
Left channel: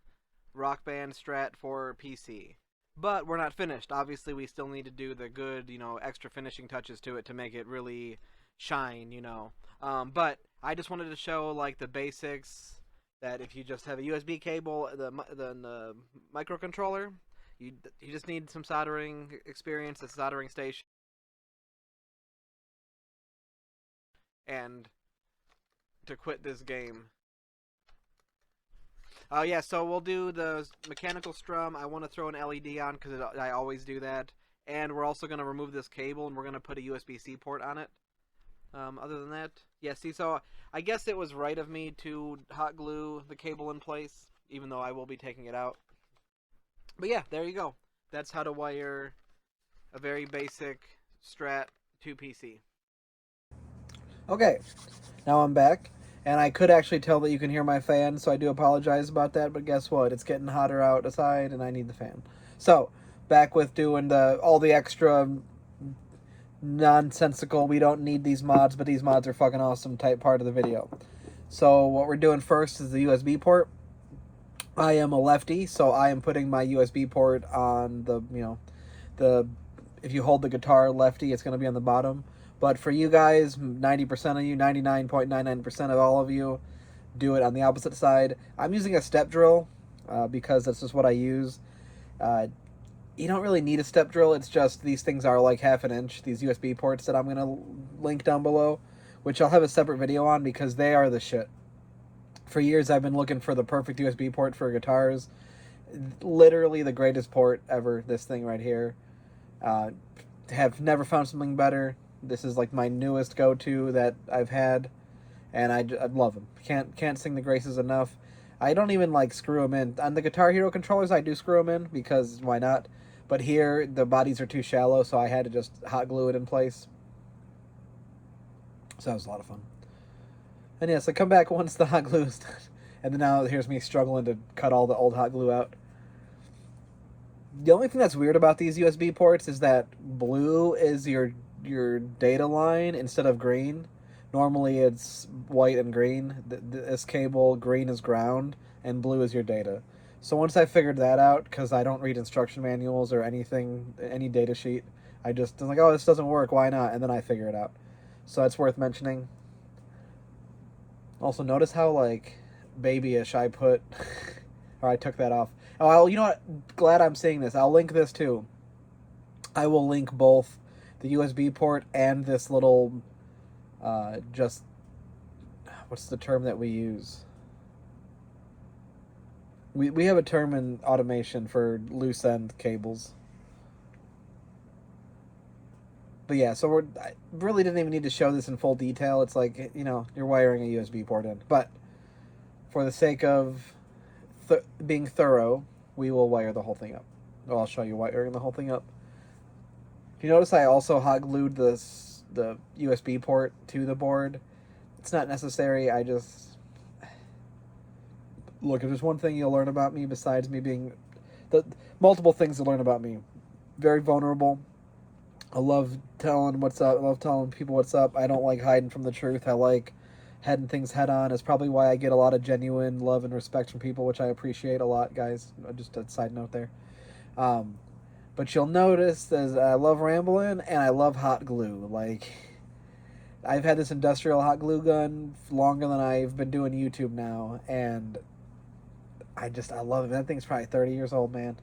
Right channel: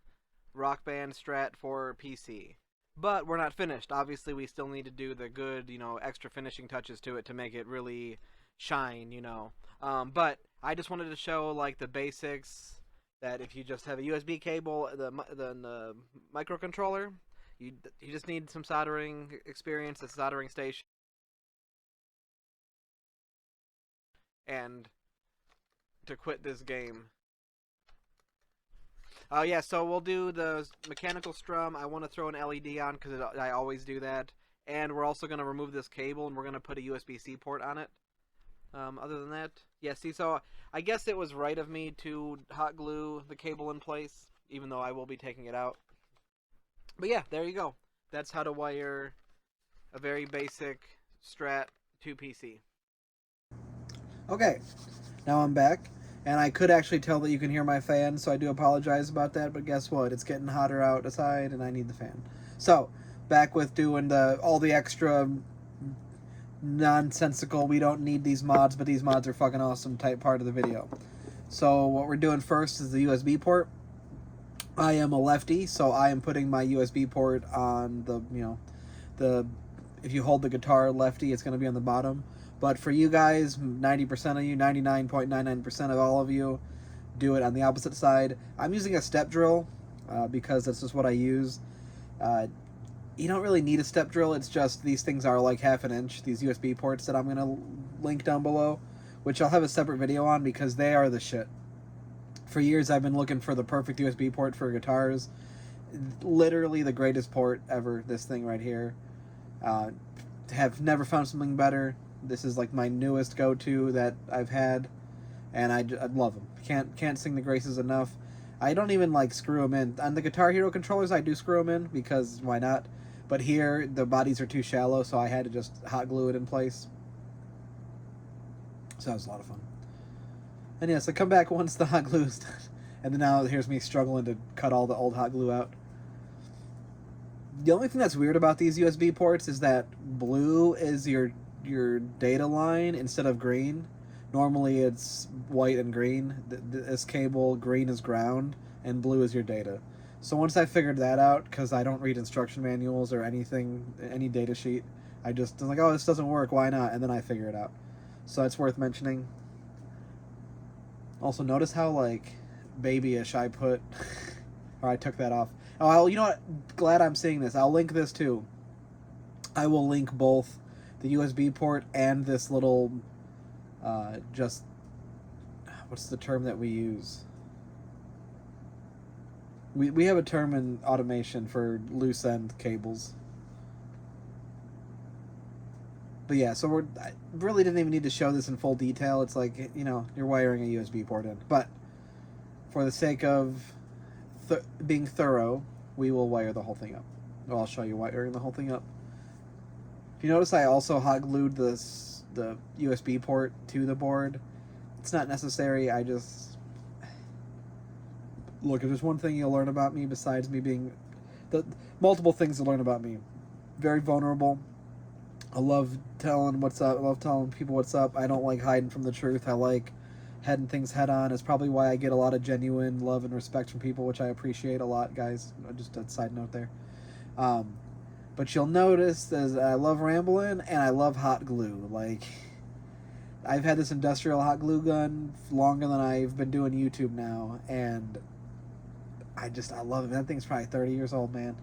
Rock Band Strat for PC. But we're not finished. Obviously, we still need to do the good, you know, extra finishing touches to it to make it really shine, you know. But I just wanted to show, like, the basics, that if you just have a USB cable, the microcontroller, you just need some soldering experience, a soldering station, and to quit this game. Yeah, so we'll do the mechanical strum. I want to throw an LED on because I always do that. And we're also going to remove this cable and we're going to put a USB-C port on it. Other than that, yeah, see, so I guess it was right of me to hot glue the cable in place, even though I will be taking it out. But yeah, there you go. That's how to wire a very basic Strat to PC. Okay, now I'm back, and I could actually tell that you can hear my fan, so I do apologize about that, but guess what? It's getting hotter outside, and I need the fan. So, back with doing all the extra nonsensical, we don't need these mods, but these mods are fucking awesome type part of the video. So what we're doing first is the USB port. I am a lefty, so I am putting my USB port on the, the, if you hold the guitar lefty, it's going to be on the bottom. But for you guys, 90% of you, 99.99% of all of you, do it on the opposite side. I'm using a step drill because that's just what I use. You don't really need a step drill. It's just these things are like half an inch, these USB ports that I'm going to link down below, which I'll have a separate video on because they are the shit. For years, I've been looking for the perfect USB port for guitars. Literally the greatest port ever, this thing right here. Have never found something better. This is like my newest go-to that I've had, and I love them. Can't sing the graces enough. I don't even like screw them in. On the Guitar Hero controllers, I do screw them in because why not? But here, the bodies are too shallow, so I had to just hot glue it in place. So that was a lot of fun. And yes, I come back once the hot glue is done. And then now here's me struggling to cut all the old hot glue out. The only thing that's weird about these USB ports is that blue is your data line instead of green. Normally it's white and green. This cable, green is ground, and blue is your data. So once I figured that out, because I don't read instruction manuals or anything, any data sheet, I just was like, oh, this doesn't work, why not? And then I figure it out. So it's worth mentioning. Also, notice how, like, babyish I put, or I took that off. Oh, you know what? Glad I'm saying this. I'll link this too. I will link both the USB port and this little, just, what's the term that we use? We have a term in automation for loose end cables. But yeah, so I really didn't even need to show this in full detail. It's like, you're wiring a USB port in. But for the sake of being thorough, we will wire the whole thing up. Well, I'll show you wiring the whole thing up. If you notice, I also hot glued the USB port to the board. It's not necessary. I just... Look, if there's one thing you'll learn about me besides me being... multiple things to learn about me. Very vulnerable. I love telling what's up. I love telling people what's up. I don't like hiding from the truth. I like heading things head on. It's probably why I get a lot of genuine love and respect from people, which I appreciate a lot, guys. Just a side note there. But you'll notice that I love rambling and I love hot glue. Like, I've had this industrial hot glue gun longer than I've been doing YouTube now, and I love it. That thing's probably 30 years old, man.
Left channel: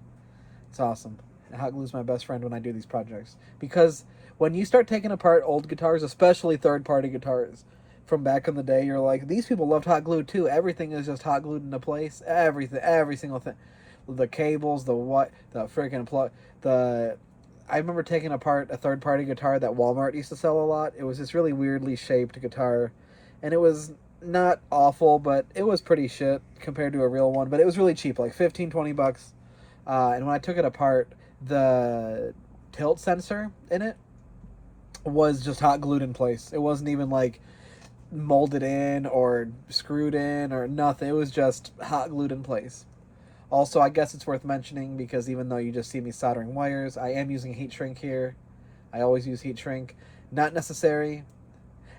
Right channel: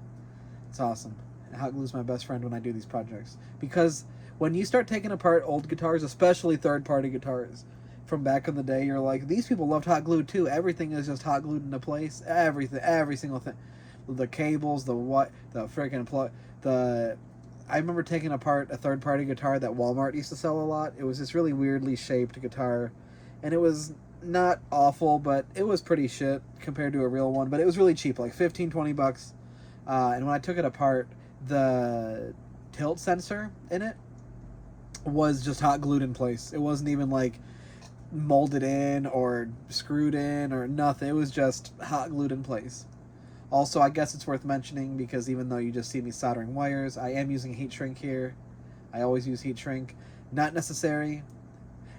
It's awesome. Hot glue's my best friend when I do these projects. Because when you start taking apart old guitars, especially third-party guitars from back in the day, you're like, these people loved hot glue too. Everything is just hot glued into place. Everything, every single thing. The cables, the freaking plug, I remember taking apart a third-party guitar that Walmart used to sell a lot. It was this really weirdly shaped guitar, and it was not awful, but it was pretty shit compared to a real one. But it was really cheap, like $15-20. And when I took it apart, the tilt sensor in it was just hot glued in place. It wasn't even like molded in or screwed in or nothing. It was just hot glued in place. Also, I guess it's worth mentioning because even though you just see me soldering wires, I am using heat shrink here. I always use heat shrink. Not necessary.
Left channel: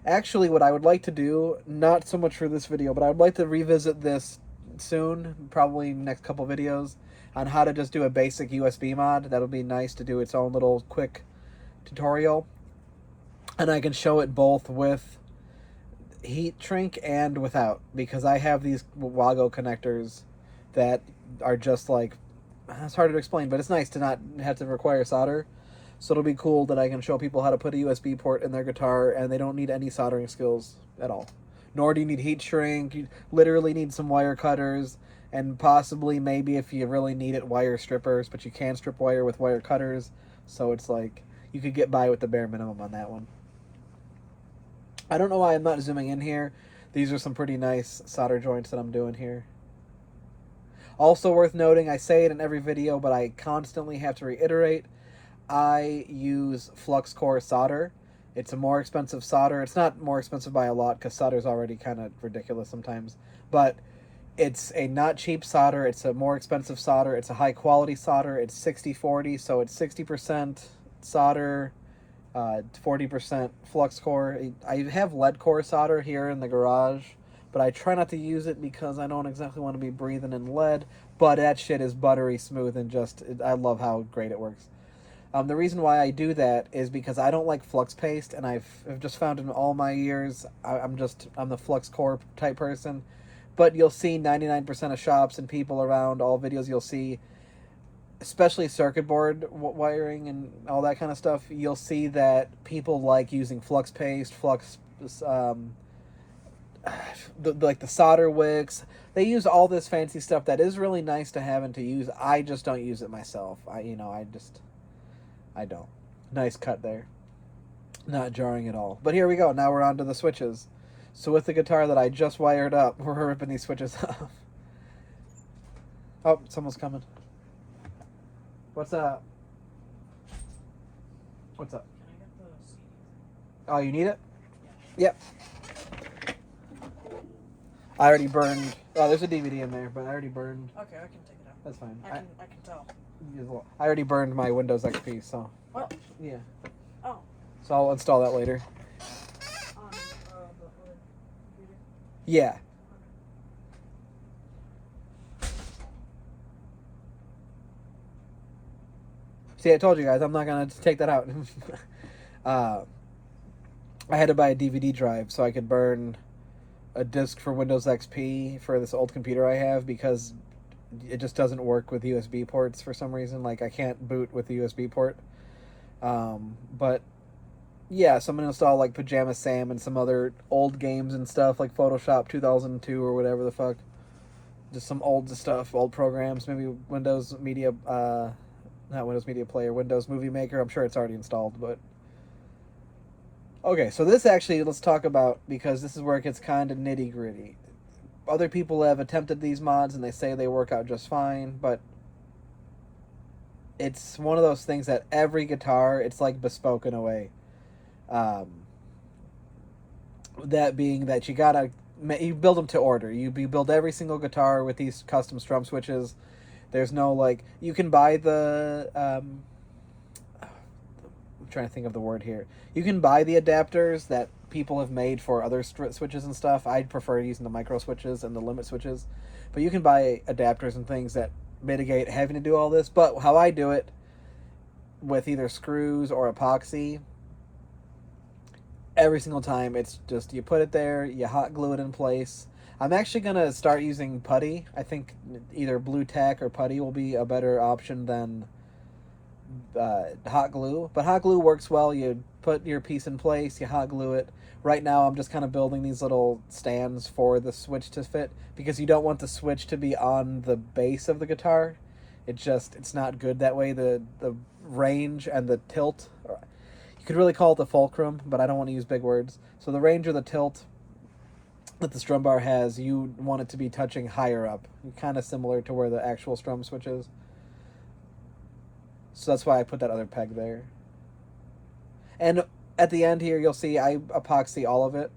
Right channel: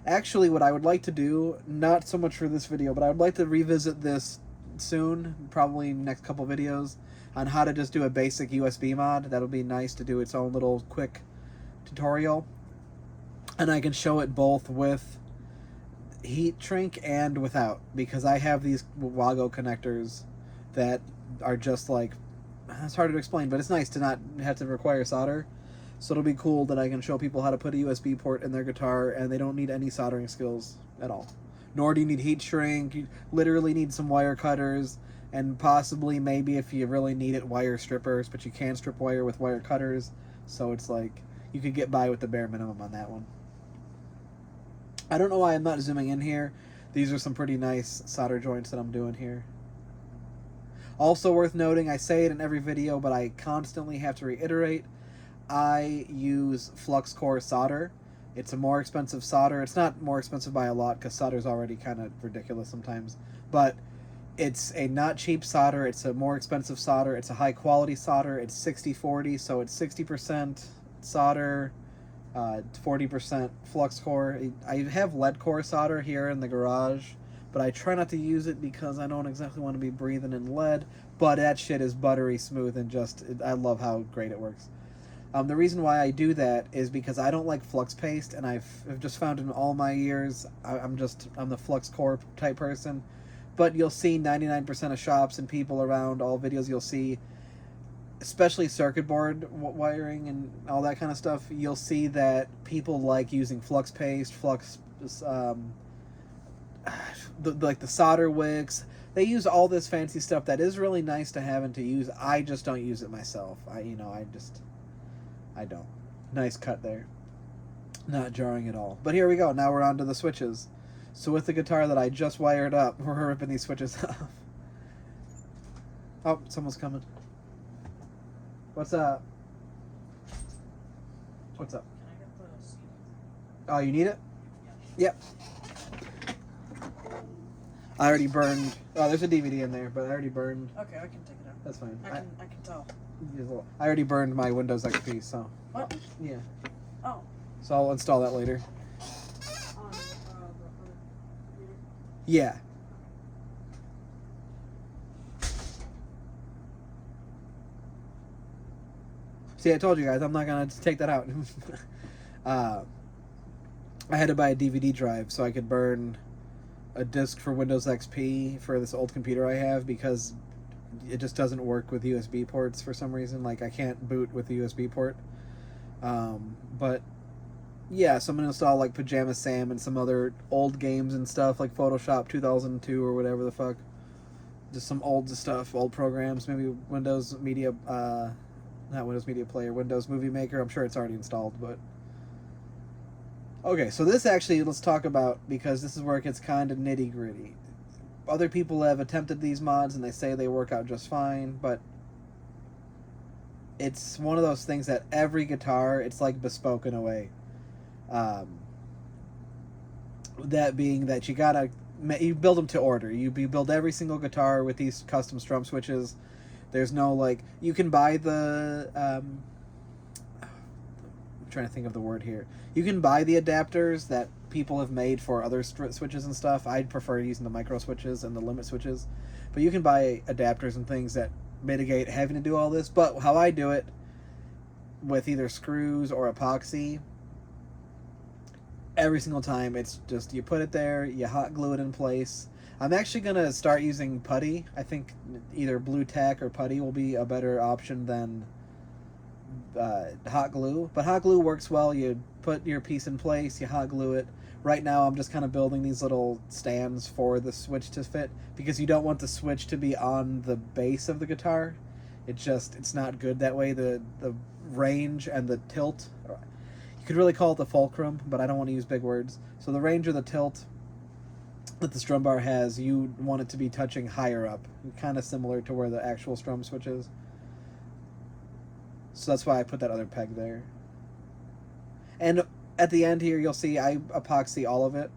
Actually, what I would like to do, not so much for this video, but I would like to revisit this soon, probably next couple videos, on how to just do a basic USB mod. That'll be nice to do its own little quick tutorial. And I can show it both with heat shrink and without, because I have these Wago connectors that are just like, it's hard to explain, but it's nice to not have to require solder. So it'll be cool that I can show people how to put a USB port in their guitar and they don't need any soldering skills at all. Nor do you need heat shrink. You literally need some wire cutters and possibly, maybe if you really need it, wire strippers, but you can strip wire with wire cutters. So it's like, you could get by with the bare minimum on that one. I don't know why I'm not zooming in here. These are some pretty nice solder joints that I'm doing here. Also worth noting, I say it in every video, but I constantly have to reiterate, I use flux core solder. It's a more expensive solder. It's not more expensive by a lot because solder is already kind of ridiculous sometimes. But it's a not cheap solder. It's a more expensive solder. It's a high quality solder. It's 60-40, so it's 60% solder, 40% flux core. I have lead core solder here in the garage, but I try not to use it because I don't exactly want to be breathing in lead. But that shit is buttery smooth and just, I love how great it works. The reason why I do that is because I don't like flux paste, and I've just found in all my years, I'm the flux core type person. But you'll see 99% of shops and people around, all videos you'll see, especially circuit board wiring and all that kind of stuff, you'll see that people like using flux paste, like the solder wicks. They use all this fancy stuff that is really nice to have and to use. I just don't use it myself. I don't. Nice cut there. Not jarring at all. But here we go. Now we're on to the switches. So with the guitar that I just wired up, we're ripping these switches off. Oh, someone's coming. What's up? What's up? Can I get the CD? Oh, you need it? Yep. I already burned. Oh, there's a DVD in there, but I already burned. Okay, I can take it out. That's fine. I can tell. I already burned my Windows XP, so. What? Yeah. Oh. So I'll install that later. On the other computer? Yeah. See, I told you guys, I'm not gonna take that out. I had to buy a DVD drive so I could burn a disc for Windows XP for this old computer I have, because it just doesn't work with USB ports for some reason. Like, I can't boot with the USB port. But yeah, so I'm gonna install like Pajama Sam and some other old games and stuff, like Photoshop 2002 or whatever the fuck. Just some old stuff, old programs, maybe Windows Media, not Windows Media Player, Windows Movie Maker. I'm sure it's already installed, but okay, so this actually, let's talk about, because this is where it gets kind of nitty gritty. Other people have attempted these mods and they say they work out just fine, but it's one of those things that every guitar, it's like bespoke in a way. That being that you build them to order. You build every single guitar with these custom strum switches. There's no, like, you can buy the I'm trying to think of the word here. You can buy the adapters that people have made for other switches and stuff. I'd prefer using the micro switches and the limit switches, but you can buy adapters and things that mitigate having to do all this. But how I do it, with either screws or epoxy, every single time, it's just, you put it there, you hot glue it in place. I'm actually going to start using putty. I think either blue tack or putty will be a better option than hot glue. But hot glue works well. You put your piece in place, you hot glue it. Right now I'm just kind of building these little stands for the switch to fit, because you don't want the switch to be on the base of the guitar. It's not good that way. The range and the tilt, you could really call it the fulcrum, but I don't want to use big words. So the range or the tilt that the strum bar has, you want it to be touching higher up, kind of similar to where the actual strum switch is. So that's why I put that other peg there. And at the end here, you'll see I epoxy all of it.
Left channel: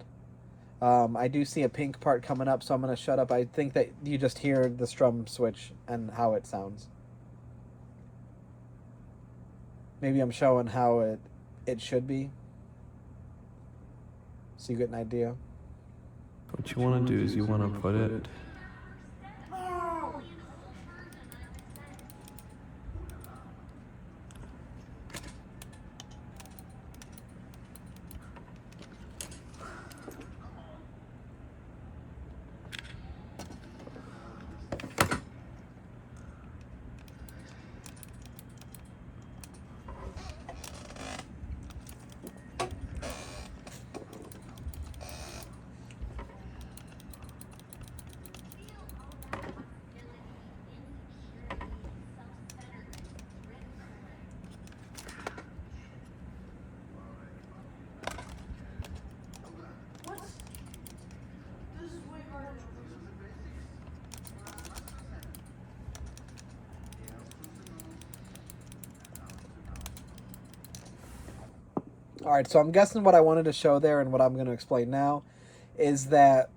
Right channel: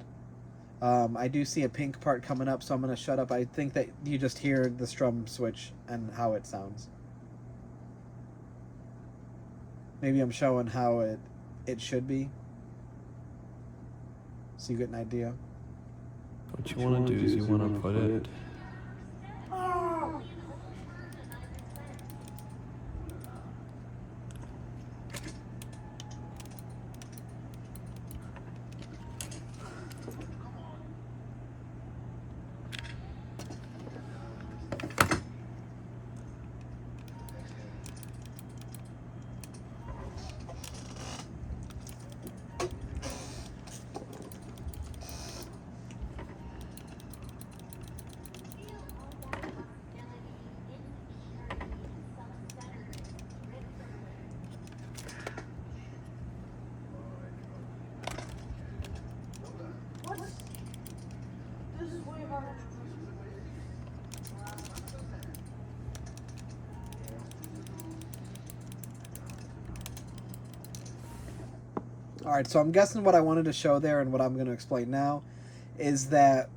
I do see a pink part coming up, so I'm going to shut up. I think that you just hear the strum switch and how it sounds. Maybe I'm showing how it should be, so you get an idea. What you want to do is you want to put it Alright, so I'm guessing what I wanted to show there and what I'm going to explain now is that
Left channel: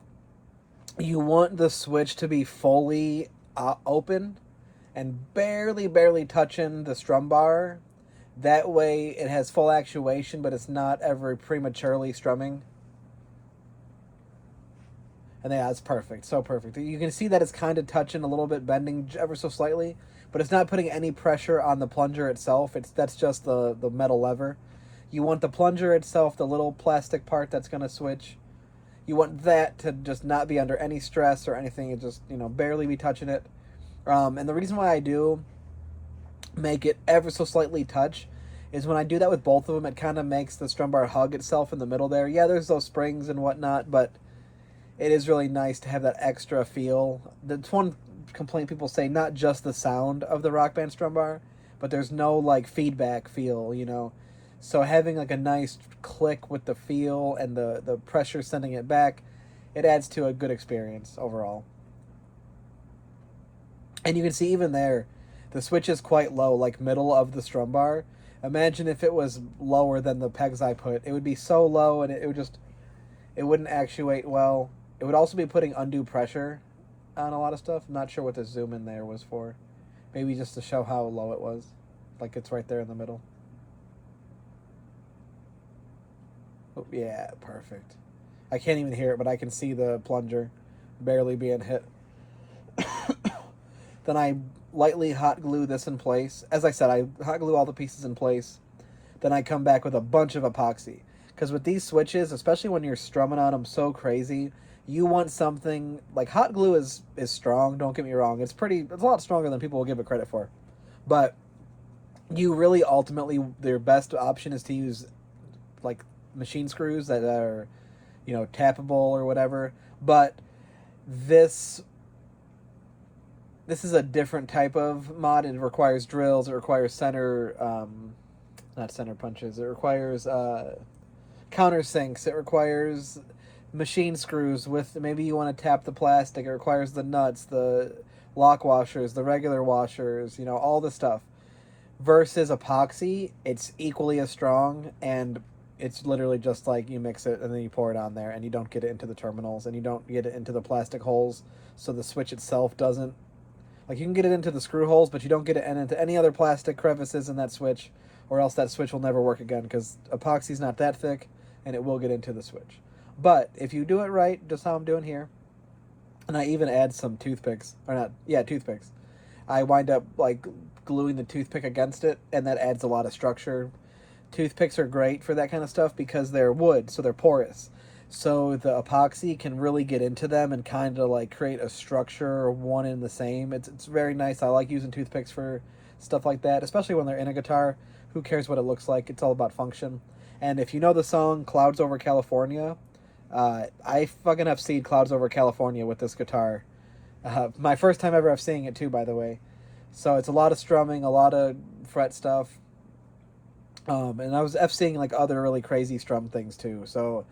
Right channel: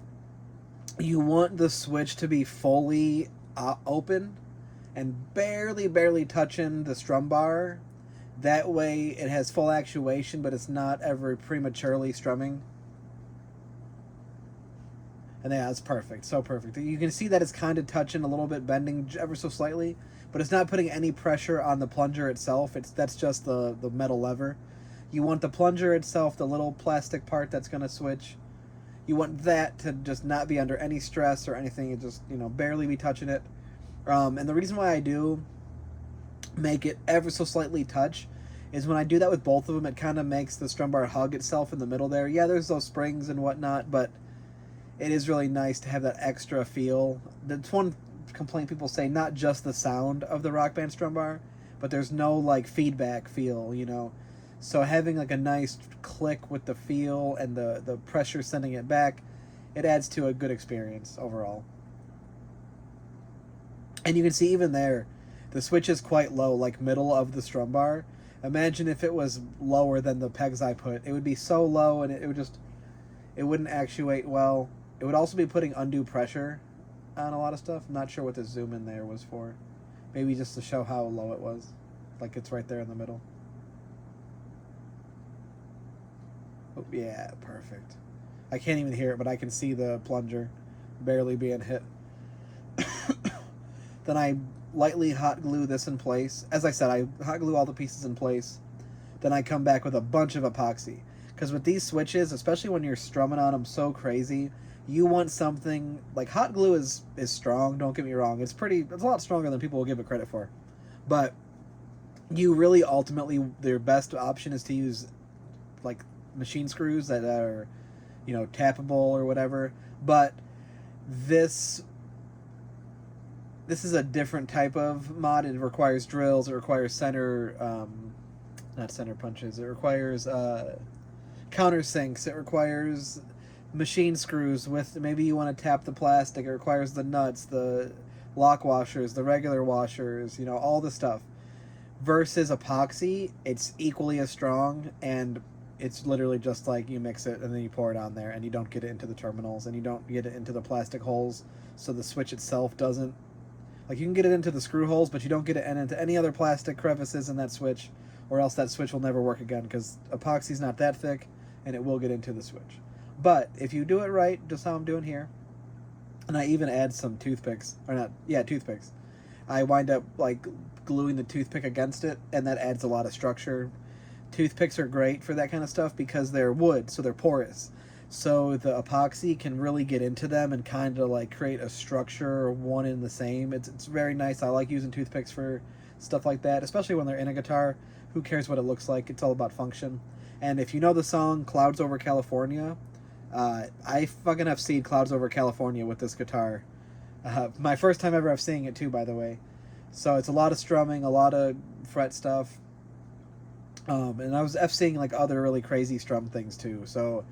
you want the switch to be fully open and barely touching the strum bar. That way it has full actuation, but it's not ever prematurely strumming. And yeah, it's perfect, so perfect. You can see that it's kind of touching a little bit, bending ever so slightly, but it's not putting any pressure on the plunger itself. That's just the metal lever. You want the plunger itself, the little plastic part that's going to switch. You want that to just not be under any stress or anything. It just, you know, barely be touching it. And the reason why I do make it ever so slightly touch is when I do that with both of them, it kind of makes the strum bar hug itself in the middle there. Yeah, there's those springs and whatnot, but it is really nice to have that extra feel. That's one complaint people say, not just the sound of the Rock Band strum bar, but there's no like feedback feel, you know. So having like a nice click with the feel and the pressure sending it back, it adds to a good experience overall. And you can see even there, the switch is quite low, like middle of the strum bar. Imagine if it was lower than the pegs I put. It would be so low and it wouldn't actuate well. It would also be putting undue pressure on a lot of stuff. I'm not sure what the zoom in there was for. Maybe just to show how low it was. Like it's right there in the middle. Oh, yeah, perfect. I can't even hear it, but I can see the plunger barely being hit. Then I lightly hot glue this in place. As I said, I hot glue all the pieces in place. Then I come back with a bunch of epoxy. Because with these switches, especially when you're strumming on them so crazy, you want something like hot glue is strong, don't get me wrong. It's a lot stronger than people will give it credit for. But you really ultimately, their best option is to use like machine screws that are, you know, tappable or whatever. But this is a different type of mod. It requires drills. It requires not center punches. It requires countersinks. It requires machine screws with, maybe you want to tap the plastic. It requires the nuts, the lock washers, the regular washers, you know, all the stuff. Versus epoxy, it's equally as strong, and it's literally just like you mix it and then you pour it on there, and you don't get it into the terminals, and you don't get it into the plastic holes, so the switch itself doesn't. Like, you can get it into the screw holes, but you don't get it into any other plastic crevices in that switch, or else that switch will never work again, because epoxy's not that thick, and it will get into the switch. But if you do it right, just how I'm doing here, and I even add some toothpicks, toothpicks. I wind up, like, gluing the toothpick against it, and that adds a lot of structure. Toothpicks are great for that kind of stuff because they're wood, so they're porous. So the epoxy can really get into them and kind of like create a structure, one and the same. It's very nice. I like using toothpicks for stuff like that, especially when they're in a guitar. Who cares what it looks like? It's all about function. And if you know the song Clouds Over California, I fucking have seen Clouds Over California with this guitar. My first time ever seeing it too, by the way. So it's a lot of strumming, a lot of fret stuff. And I was seeing like other really crazy strum things too. So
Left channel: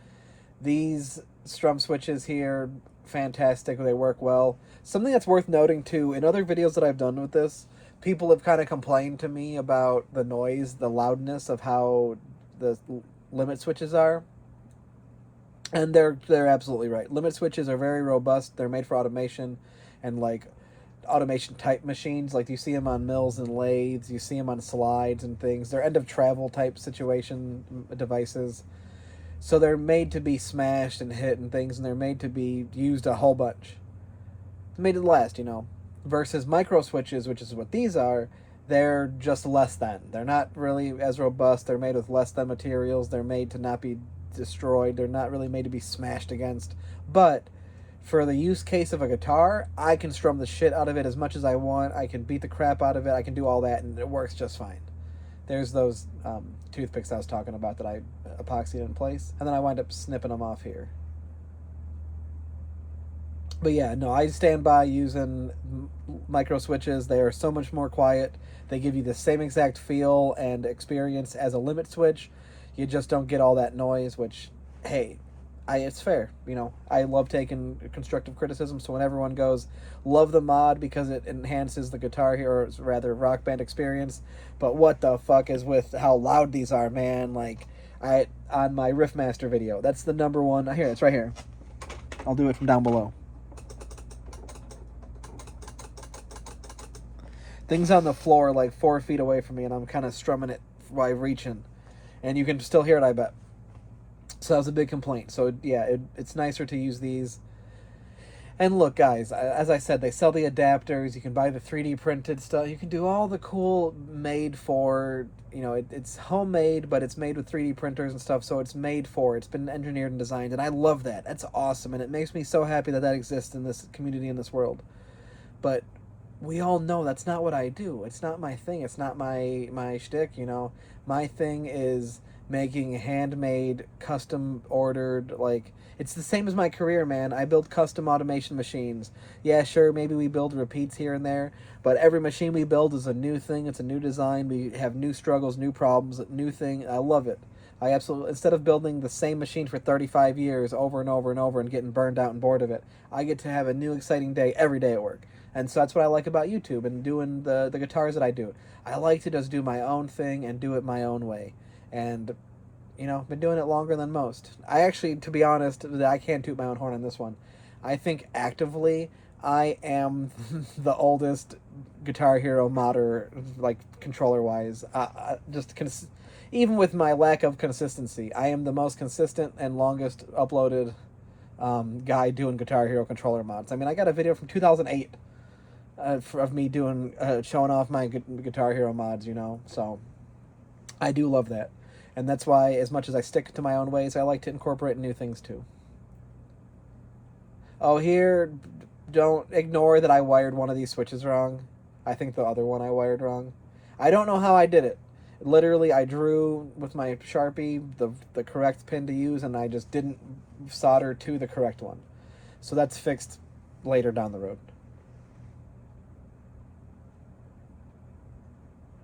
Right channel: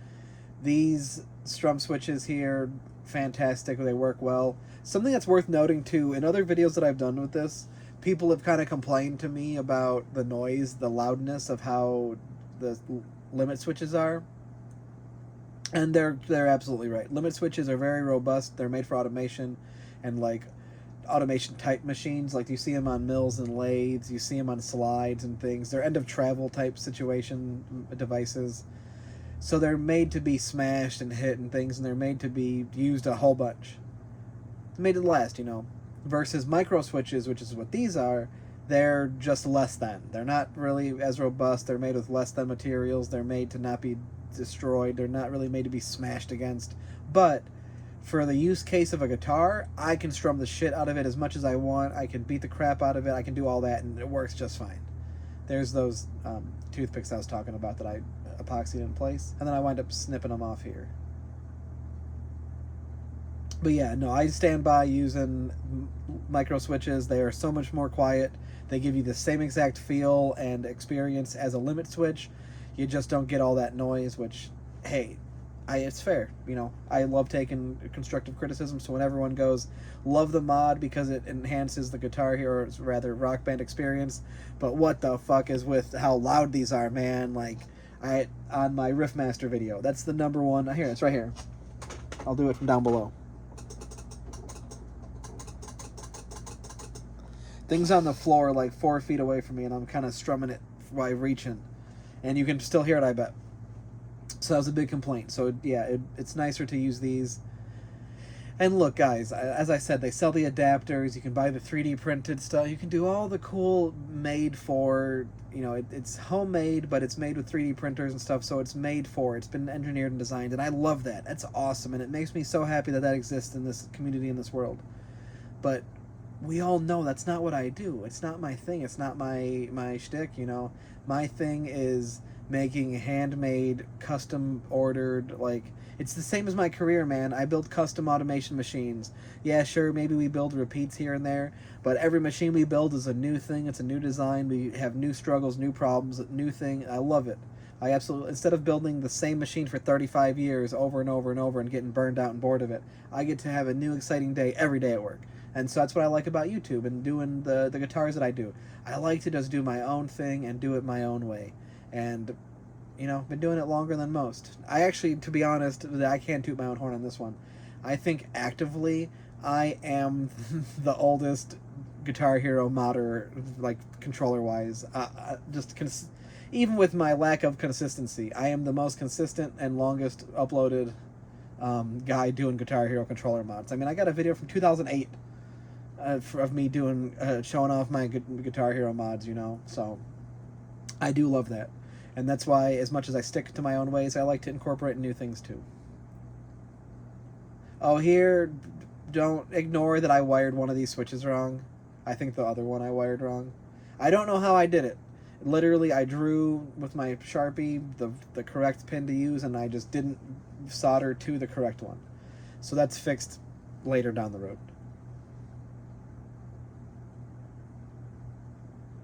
these strum switches here, fantastic. They work well. Something that's worth noting too, in other videos that I've done with this, people have kind of complained to me about the noise, the loudness of how the limit switches are. And they're absolutely right. Limit switches are very robust. They're made for automation and like automation type machines. Like you see them on mills and lathes, you see them on slides and things. They're end of travel type situation devices. So they're made to be smashed and hit and things, and they're made to be used a whole bunch. It's made to last, you know. Versus micro switches, which is what these are, they're just less than. They're not really as robust. They're made with less than materials. They're made to not be destroyed. They're not really made to be smashed against. But for the use case of a guitar, I can strum the shit out of it as much as I want. I can beat the crap out of it. I can do all that, and it works just fine. There's those toothpicks I was talking about that I epoxied in place, and then I wind up snipping them off here. But yeah, no, I stand by using micro switches. They are so much more quiet. They give you the same exact feel and experience as a limit switch. You just don't get all that noise, which, hey, it's fair. You know, I love taking constructive criticism, so when everyone goes, love the mod because it enhances the guitar here, or rather Rock Band experience, but what the fuck is with how loud these are, man? Like, on my Riffmaster video, that's the number one. Here, it's right here. I'll do it from down below. Thing's on the floor like 4 feet away from me, and I'm kind of strumming it while reaching, and you can still hear it, I bet. So that was a big complaint. So yeah, it's nicer to use these. And look, guys, as I said, they sell the adapters. You can buy the 3D printed stuff. You can do all the cool made for, you know, it's homemade, but it's made with 3D printers and stuff, so it's made for. It's been engineered and designed, and I love that. That's awesome, and it makes me so happy that that exists in this community, in this world. But we all know that's not what I do. It's not my thing. It's not my shtick, you know. My thing is making handmade, custom ordered, like, it's the same as my career, man. I build custom automation machines. Yeah, sure, maybe we build repeats here and there, but every machine we build is a new thing. It's a new design. We have new struggles, new problems, new thing. I love it. I absolutely, instead of building the same machine for 35 years over and over and over and getting burned out and bored of it, I get to have a new exciting day every day at work. And so that's what I like about YouTube and doing the guitars that I do. I like to just do my own thing and do it my own way. And, you know, been doing it longer than most. I actually, to be honest, I can't toot my own horn on this one. I think actively I am the oldest Guitar Hero modder, like, controller-wise. Even with my lack of consistency, I am the most consistent and longest uploaded guy doing Guitar Hero controller mods. I mean, I got a video from 2008 of me doing showing off my Guitar Hero mods, you know. So I do love that, and that's why, as much as I stick to my own ways, I like to incorporate new things too. Oh, here, don't ignore that I wired one of these switches wrong. I think the other one I wired wrong. I don't know how I did it. Literally, I drew with my Sharpie the correct pin to use, and I just didn't solder to the correct one. So that's fixed later down the road.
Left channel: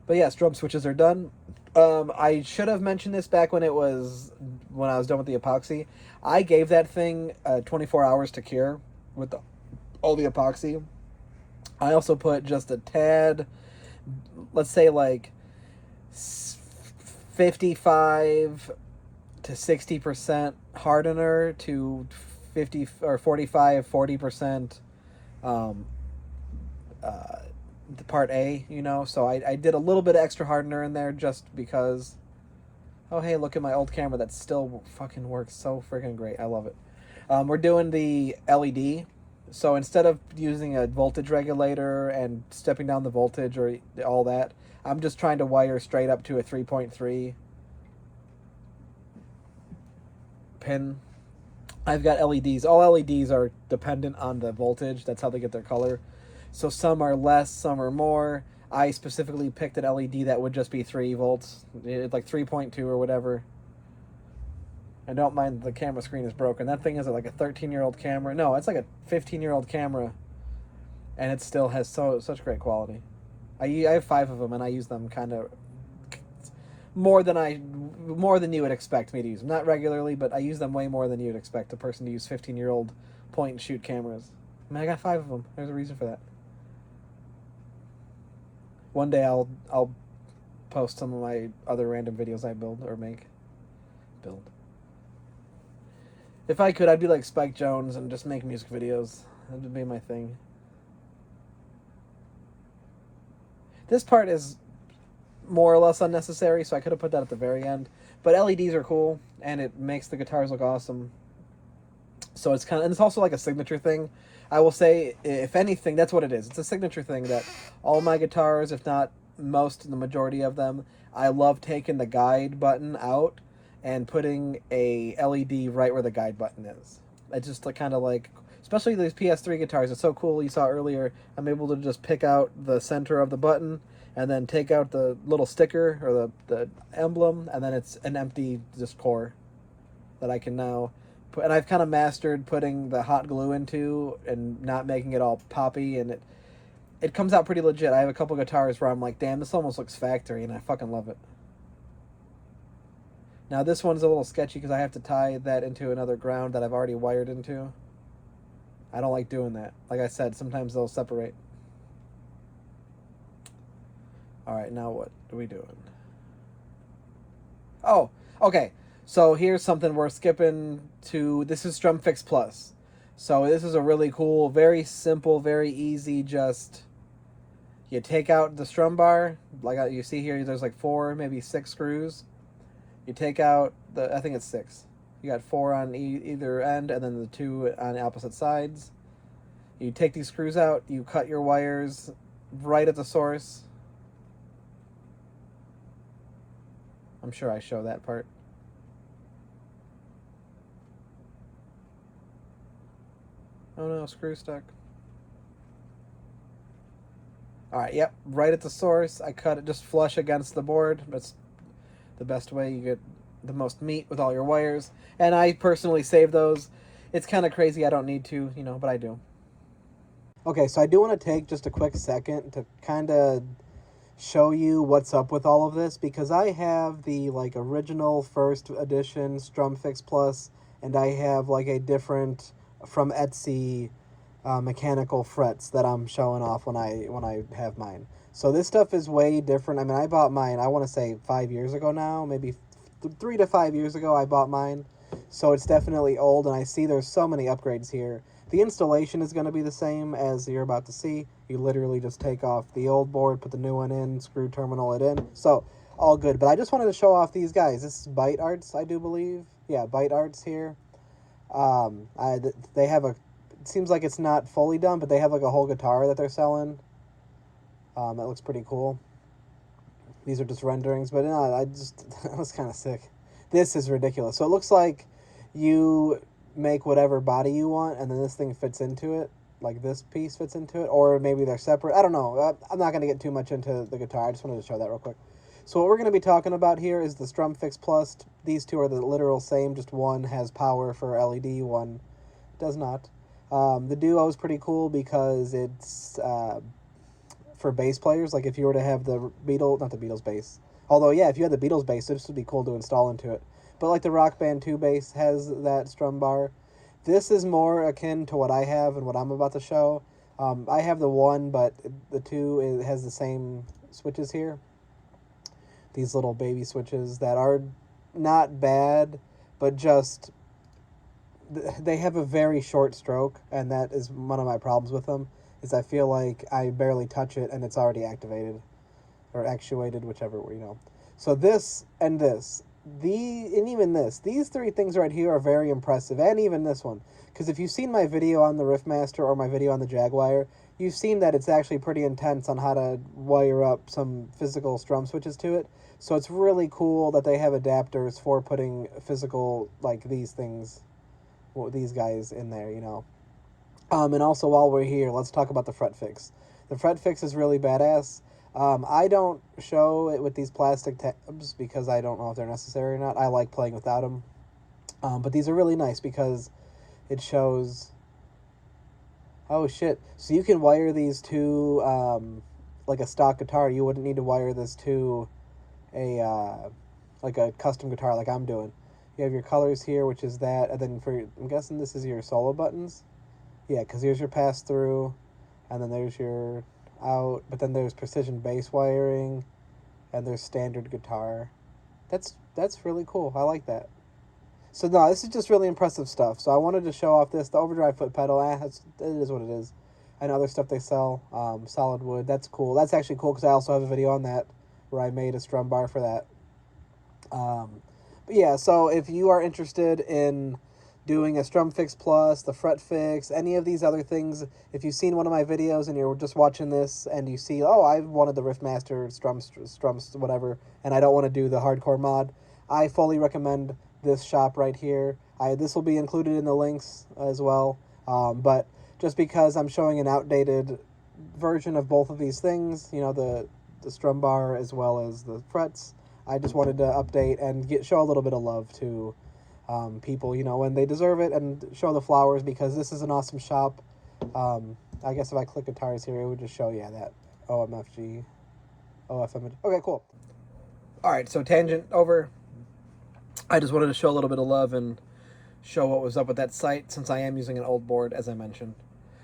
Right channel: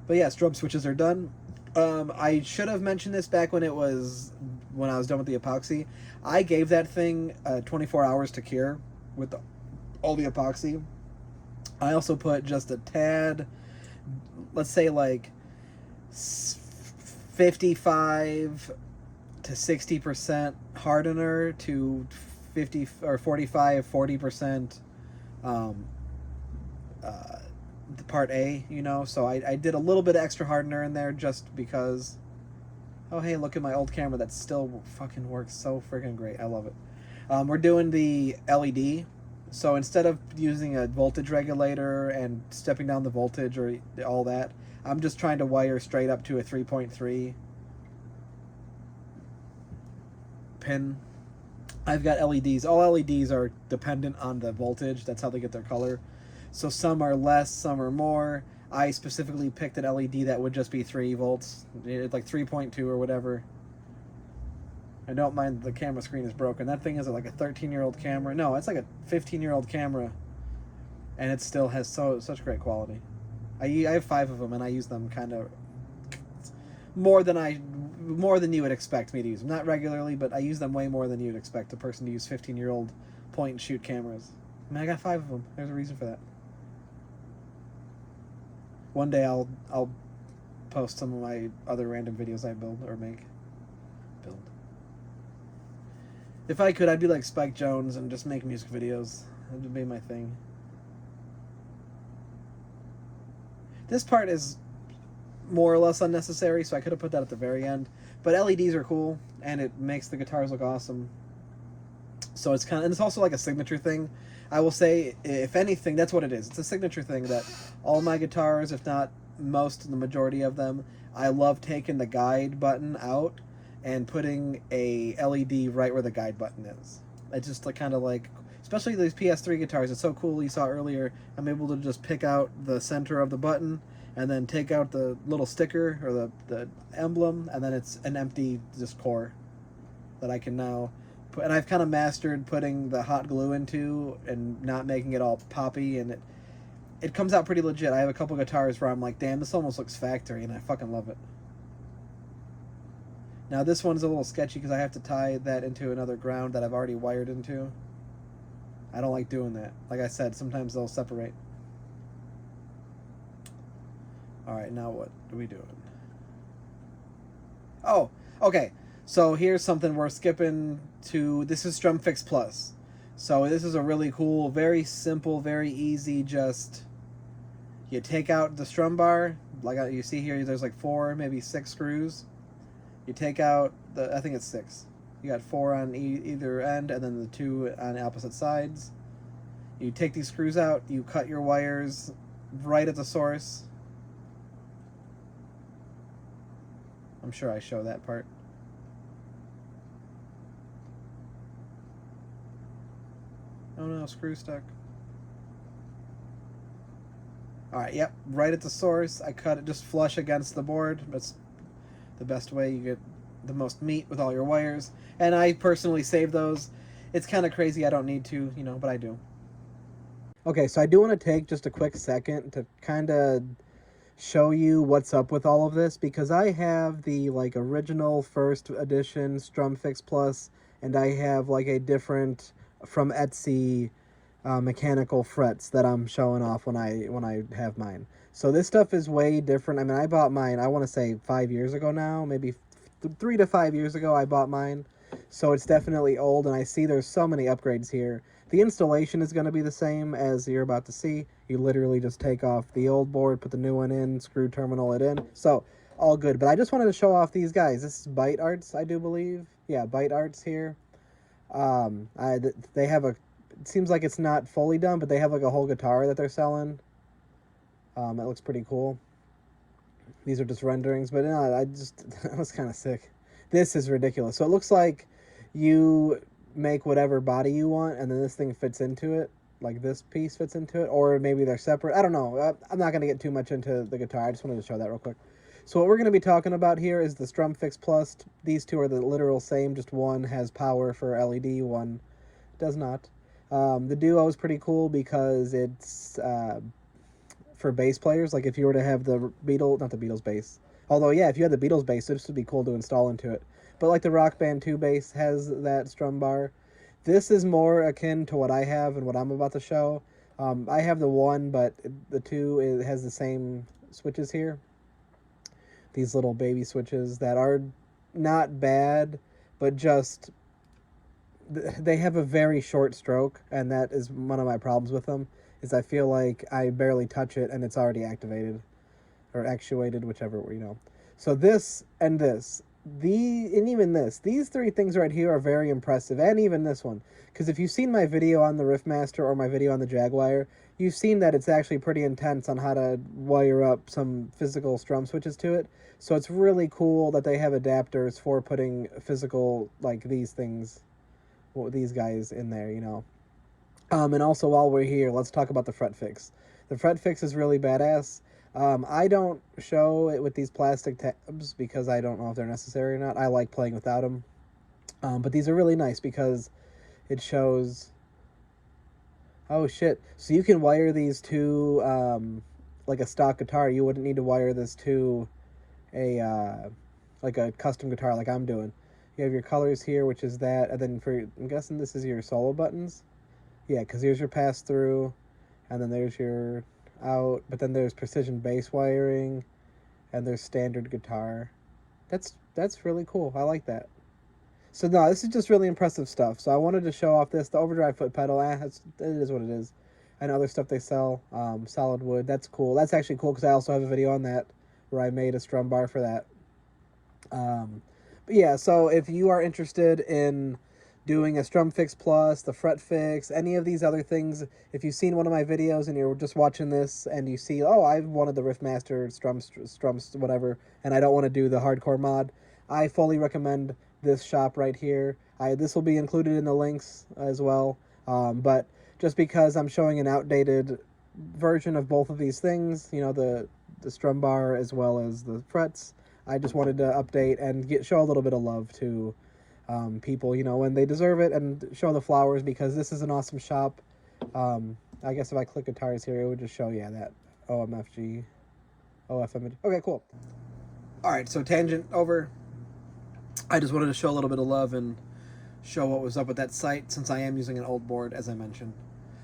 But yeah, strum switches are done. I should have mentioned this back when I was done with the epoxy. I gave that thing 24 hours to cure with all the epoxy. I also put just a tad, let's say like 55 to 60% hardener to 50 or 40% the part A, you know. So I did a little bit of extra hardener in there just because. Oh, hey, look at my old camera that still fucking works so freaking great. I love it. We're doing the LED. So instead of using a voltage regulator and stepping down the voltage or all that, I'm just trying to wire straight up to a 3.3 pin. I've got LEDs. All LEDs are dependent on the voltage. That's how they get their color. So some are less, some are more. I specifically picked an LED that would just be 3 volts. It's like 3.2 or whatever. I don't mind the camera screen is broken. That thing is like a 13-year-old camera. No, it's like a 15-year-old camera. And it still has such great quality. I have 5 of them, and I use them kind of more than you would expect me to use them. Not regularly, but I use them way more than you would expect a person to use 15-year-old point-and-shoot cameras. I mean, I got 5 of them. There's a reason for that. One day I'll post some of my other random videos I build or make. If I could, I'd be like Spike Jones and just make music videos. That would be my thing. This part is more or less unnecessary, so I could have put that at the very end. But LEDs are cool, and it makes the guitars look awesome. So it's kind of, and it's also like a signature thing. I will say, if anything, that's what it is. It's a signature thing that all my guitars, if not most, the majority of them, I love taking the guide button out and putting a LED right where the guide button is. It's just like kind of like, especially these PS3 guitars, it's so cool. You saw earlier, I'm able to just pick out the center of the button and then take out the little sticker or the emblem, and then it's an empty just core that I can now put. And I've kind of mastered putting the hot glue into and not making it all poppy, and it comes out pretty legit. I have a couple guitars where I'm like, damn, this almost looks factory, and I fucking love it. Now this one's a little sketchy because I have to tie that into another ground that I've already wired into. I don't like doing that. Like I said, sometimes they'll separate. Alright, now what are we doing? Oh, okay. So here's something we're skipping to. This is Strum Fix Plus. So this is a really cool, very simple, very easy, just you take out the strum bar. Like you see here, there's like 4, maybe 6 screws. You take out I think it's 6. You got 4 on either end, and then the 2 on opposite sides. You take these screws out, you cut your wires right at the source. I'm sure I show that part. Oh no, screw stuck. Alright, yep, right at the source. I cut it just flush against the board. That's the best way. You get the most meat with all your wires. And I personally save those. It's kind of crazy. I don't need to, you know, but I do. Okay, so I do want to take just a quick second to kind of show you what's up with all of this, because I have the like original first edition StrumFix Plus, and I have like a different from Etsy mechanical frets that I'm showing off when I have mine. So this stuff is way different. I mean, I bought mine, I want to say 5 years ago now, maybe 3 to 5 years ago I bought mine. So it's definitely old, and I see there's so many upgrades here. The installation is going to be the same as you're about to see. You literally just take off the old board, put the new one in, screw terminal it in. So, all good. But I just wanted to show off these guys. This is ByteArts, I do believe. Yeah, ByteArts here. They have a... It seems like it's not fully done, but they have like a whole guitar that they're selling. It looks pretty cool. These are just renderings, but no, that was kind of sick. This is ridiculous. So it looks like you make whatever body you want, and then this thing fits into it, like this piece fits into it, or maybe they're separate. I don't know. I'm not going to get too much into the guitar. I just wanted to show that real quick. So what we're going to be talking about here is the StrumFix Plus. These two are the literal same, just one has power for LED, one does not. The Duo is pretty cool because it's for bass players. Like if you were to have the not the Beatles bass, although yeah, if you had the Beatles bass, this would be cool to install into it. But like the Rock Band 2 bass has that strum bar. This is more akin to what I have and what I'm about to show. I have the 1, but the 2 has the same switches here. These little baby switches that are not bad, but just they have a very short stroke, and that is one of my problems with them, is I feel like I barely touch it and it's already activated or actuated, whichever, you know. So this and this, and even this, these 3 things right here are very impressive, and even this one, because if you've seen my video on the Riffmaster or my video on the Jaguar, you've seen that it's actually pretty intense on how to wire up some physical strum switches to it. So it's really cool that they have adapters for putting physical, like these things, well, these guys in there, you know. And also, while we're here, let's talk about the fret fix. The fret fix is really badass. I don't show it with these plastic tabs because I don't know if they're necessary or not. I like playing without them. But these are really nice because it shows... Oh, shit. So you can wire these to, like a stock guitar. You wouldn't need to wire this to like a custom guitar like I'm doing. You have your colors here, which is that. And then I'm guessing this is your solo buttons. Yeah, because here's your pass-through. And then there's your... out, but then there's precision bass wiring, and there's standard guitar. That's really cool. I like that. So no, this is just really impressive stuff. So I wanted to show off this. The overdrive foot pedal, it is what it is. And other stuff they sell, solid wood. That's cool. That's actually cool because I also have a video on that where I made a strum bar for that. But yeah, so if you are interested in doing a StrumFix Plus, the Fret Fix, any of these other things, if you've seen one of my videos and you're just watching this and you see, oh, I wanted the Riffmaster strums, whatever, and I don't want to do the hardcore mod, I fully recommend this shop right here. This will be included in the links as well, but just because I'm showing an outdated version of both of these things, you know, the strum bar as well as the frets, I just wanted to update and show a little bit of love to people, you know, when they deserve it, and show the flowers because this is an awesome shop. I guess if I click guitars here, it would just show, yeah, that OMFG, OFM. Okay, cool. All right, so tangent over. I just wanted to show a little bit of love and show what was up with that site since I am using an old board, as I mentioned.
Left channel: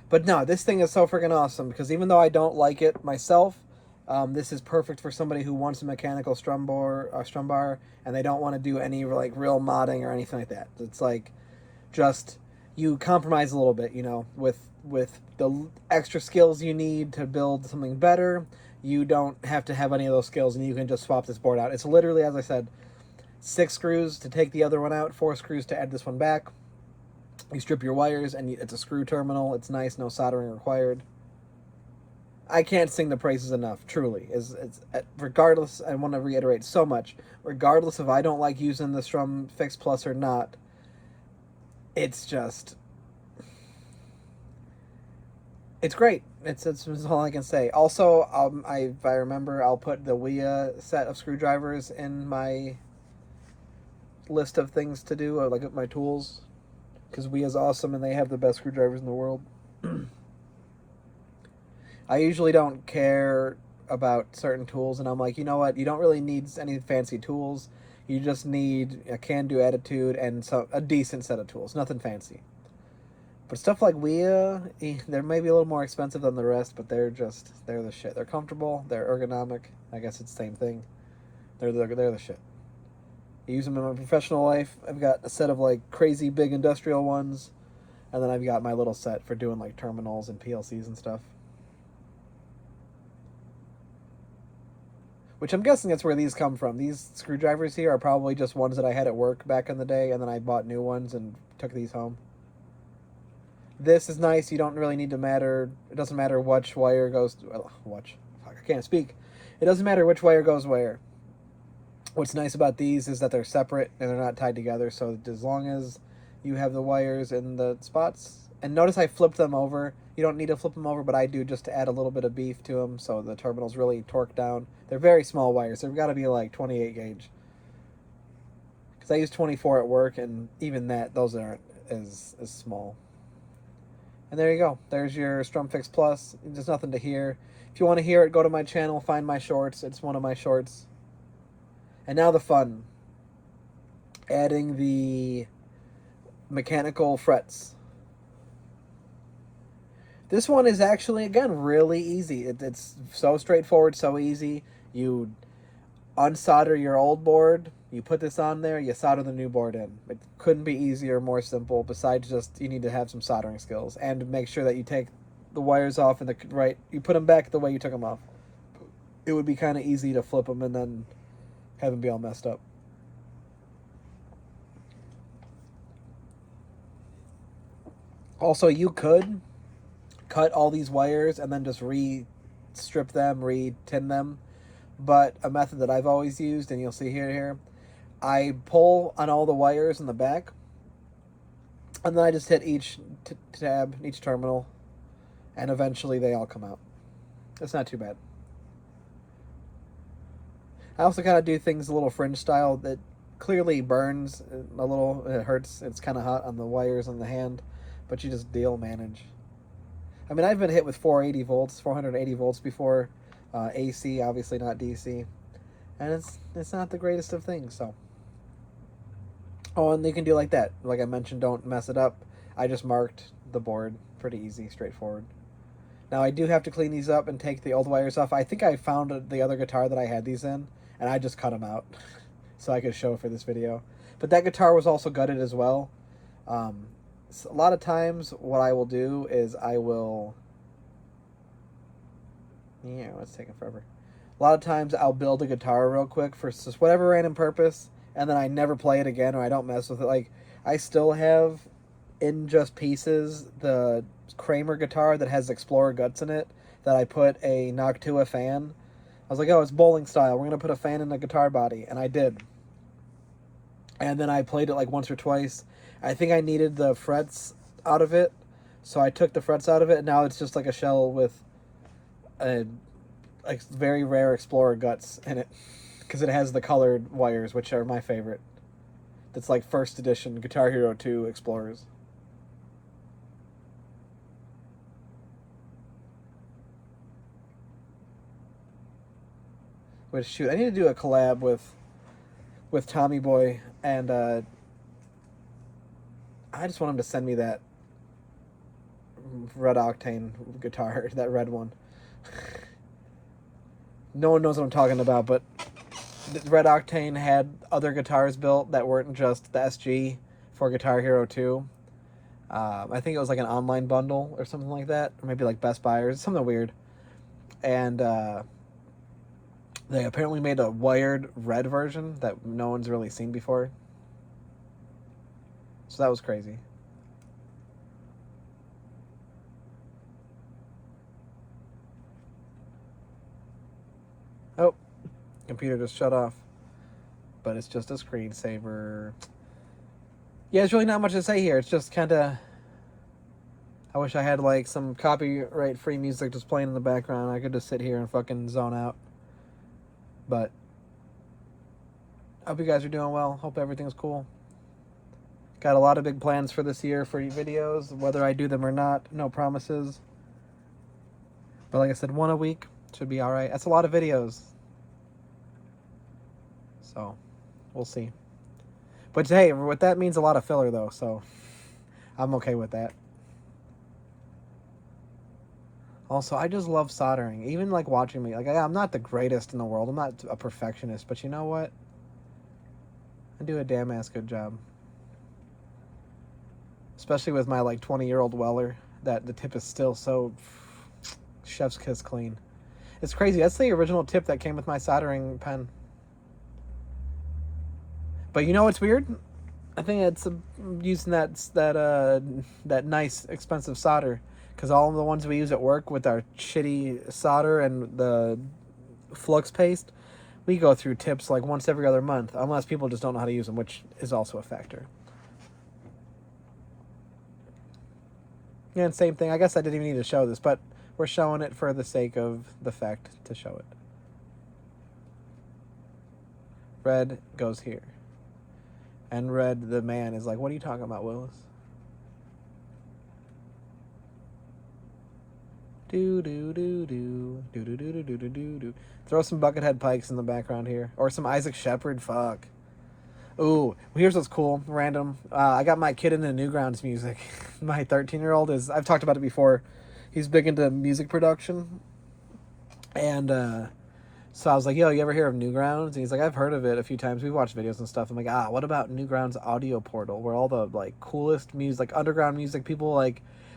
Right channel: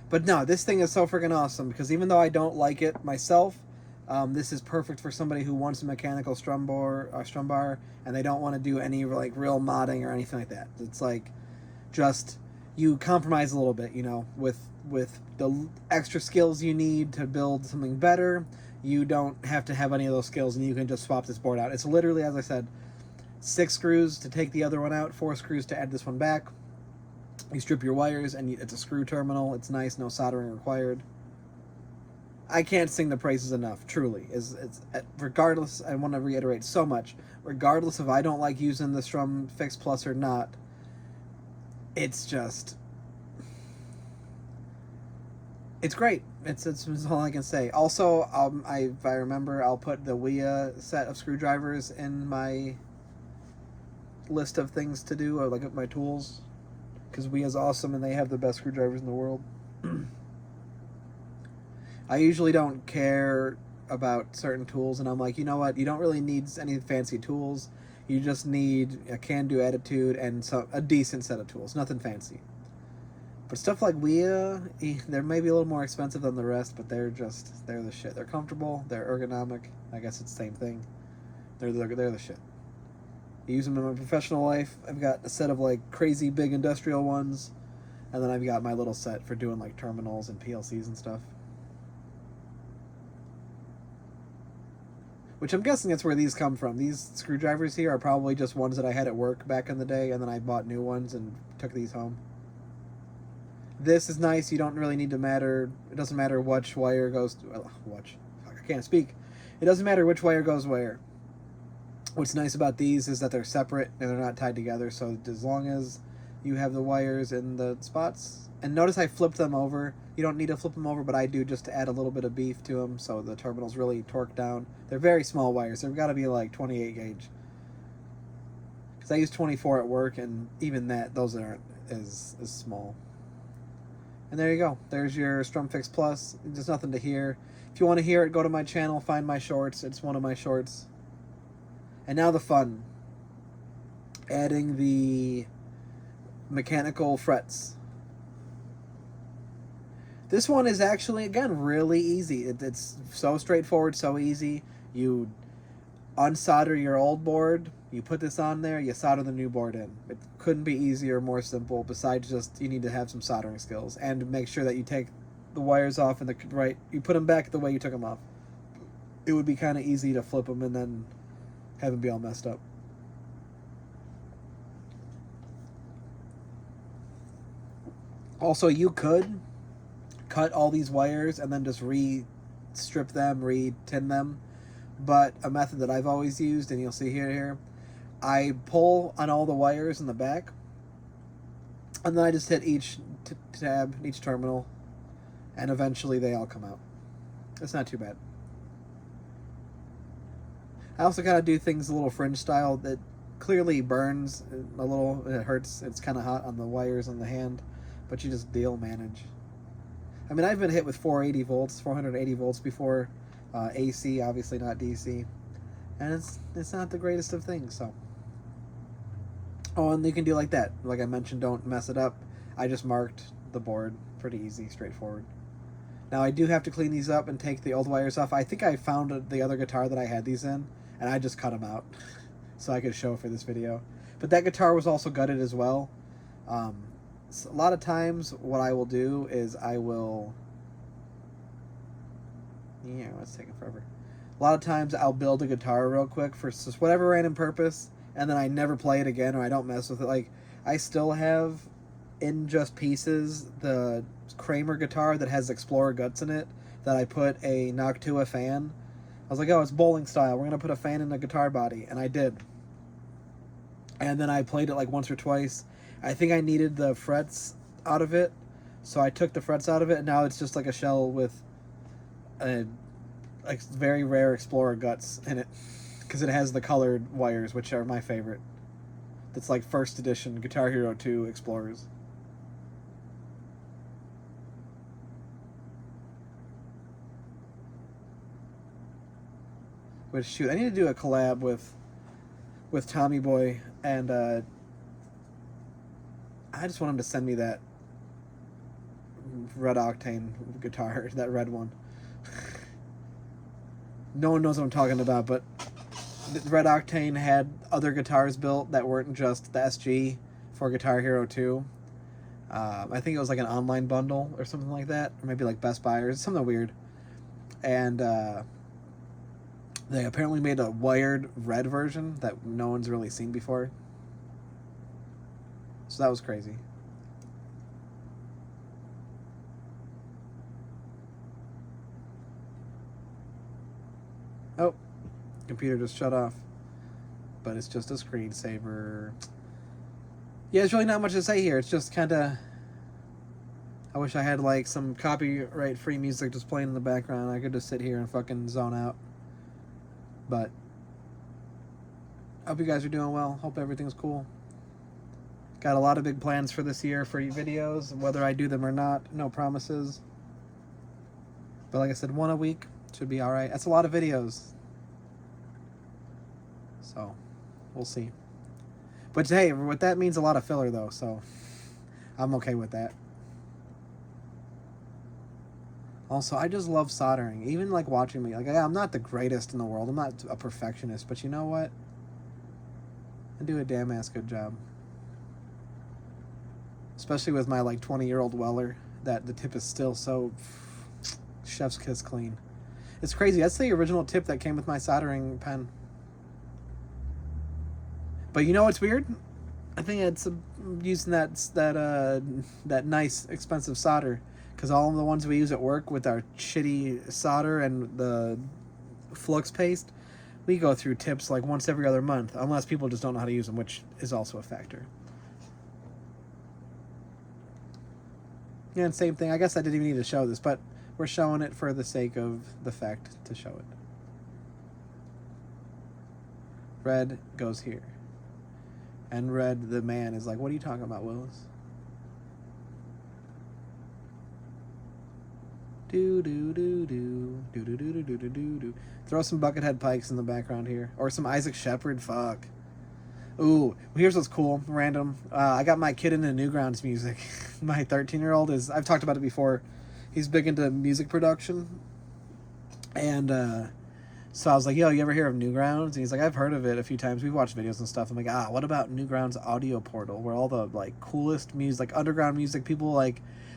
But no, this thing is so freaking awesome because even though I don't like it myself, this is perfect for somebody who wants a mechanical strum bar, and they don't want to do any like real modding or anything like that. It's like just you compromise a little bit, you know, with the extra skills you need to build something better. You don't have to have any of those skills, and you can just swap this board out. It's literally, as I said, 6 screws to take the other one out, 4 screws to add this one back. You strip your wires, and it's a screw terminal. It's nice, no soldering required. I can't sing the praises enough. Truly, it's regardless. I want to reiterate so much. Regardless if I don't like using the Strum Fix Plus or not, it's just, it's great. It's all I can say. Also, if I remember, I'll put the wiha set of screwdrivers in my list of things to do, or like my tools, because wiha's awesome and they have the best screwdrivers in the world. I usually don't care about certain tools, and I'm like, you know what? You don't really need any fancy tools. You just need a can-do attitude and a decent set of tools. Nothing fancy. But stuff like wiha, they're maybe a little more expensive than the rest, but they're the shit. They're comfortable. They're ergonomic. I guess it's the same thing. They're the shit. I use them in my professional life. I've got a set of like crazy big industrial ones, and then I've got my little set for doing like terminals and PLCs and stuff. Which I'm guessing that's where these come from. These screwdrivers here are probably just ones that I had at work back in the day, and then I bought new ones and took these home. This is nice. You don't really need to matter. It doesn't matter which wire goes. I can't speak. It doesn't matter which wire goes where. What's nice about these is that they're separate and they're not tied together. So as long as you have the wires in the spots, and notice I flipped them over. You don't need to flip them over, but I do just to add a little bit of beef to them, so the terminal's really torqued down. They're very small wires. They've got to be like 28 gauge. Because I use 24 at work, and even that, those aren't as small. And there you go. There's your StrumFix Plus. There's nothing to hear. If you want to hear it, go to my channel, find my shorts. It's one of my shorts. And now the fun. Adding the mechanical frets. This one is actually, again, really easy. It's so straightforward, so easy. You unsolder your old board, you put this on there, you solder the new board in. It couldn't be easier, more simple, besides just you need to have some soldering skills and make sure that you take the wires off in the right, you put them back the way you took them off. It would be kind of easy to flip them and then have them be all messed up. Also, you could cut all these wires and then just re-strip them, re-tin them. But a method that I've always used, and you'll see here, I pull on all the wires in the back, and then I just hit each tab, each terminal, and eventually they all come out. It's not too bad. I also kind of do things a little fringe style that clearly burns a little, it hurts, it's kind of hot on the wires on the hand, but you just manage. I mean, I've been hit with 480 volts before, AC, obviously not DC, and it's not the greatest of things, so. Oh, and you can do like that. Like I mentioned, don't mess it up. I just marked the board. Pretty easy, straightforward. Now, I do have to clean these up and take the old wires off. I think I found the other guitar that I had these in, and I just cut them out so I could show for this video. But that guitar was also gutted as well. So a lot of times what I will do is I will... Yeah, it's taking forever. A lot of times I'll build a guitar real quick for just whatever random purpose, and then I never play it again, or I don't mess with it. Like, I still have in just pieces the Kramer guitar that has Explorer guts in it that I put a Noctua fan. I was like, oh, it's bowling style. We're going to put a fan in the guitar body. And I did. And then I played it like once or twice. I think I needed the frets out of it, so I took the frets out of it, and now it's just like a shell with a very rare Explorer guts in it, because it has the colored wires, which are my favorite. It's like first edition Guitar Hero 2 Explorers. But shoot, I need to do a collab with Tommy Boy, and I just want him to send me that red octane guitar, that red one. No one knows what I'm talking about, but Red Octane had other guitars built that weren't just the SG for Guitar Hero 2. I think it was like an online bundle or something like that, or maybe like Best Buy or something weird. And they apparently made a wired red version that no one's really seen before. So that was crazy. Oh, computer just shut off. But it's just a screensaver. Yeah, there's really not much to say here. It's just kind of... I wish I had, like, some copyright-free music just playing in the background. I could just sit here and fucking zone out. But... hope you guys are doing well. Hope everything's cool. Got a lot of big plans for this year for videos. Whether I do them or not, no promises. But like I said, one a week should be alright. That's a lot of videos. So, we'll see. But hey, what that means a lot of filler though, so I'm okay with that. Also, I just love soldering. Even like watching me. Like, I'm not the greatest in the world. I'm not a perfectionist, but you know what? I do a damn ass good job. Especially with my like 20-year-old Weller, that the tip is still so chef's kiss clean. It's crazy. That's the original tip that came with my soldering pen. But you know what's weird? I think it's using that nice expensive solder, because all of the ones we use at work with our shitty solder and the flux paste, we go through tips like once every other month, unless people just don't know how to use them, which is also a factor. Yeah, and same thing. I guess I didn't even need to show this, but we're showing it for the sake of the fact to show it. Red goes here. And Red, the man, is like, what are you talking about, Willis? Do. Throw some Buckethead Pikes in the background here. Or some Isaac Shepard, fuck. Ooh, here's what's cool, random. I got my kid into Newgrounds music. My 13-year-old is, I've talked about it before, he's big into music production. And so I was like, yo, you ever hear of Newgrounds? And he's like, I've heard of it a few times. We've watched videos and stuff. I'm like, what about Newgrounds Audio Portal, where all the like coolest music, like underground music, people like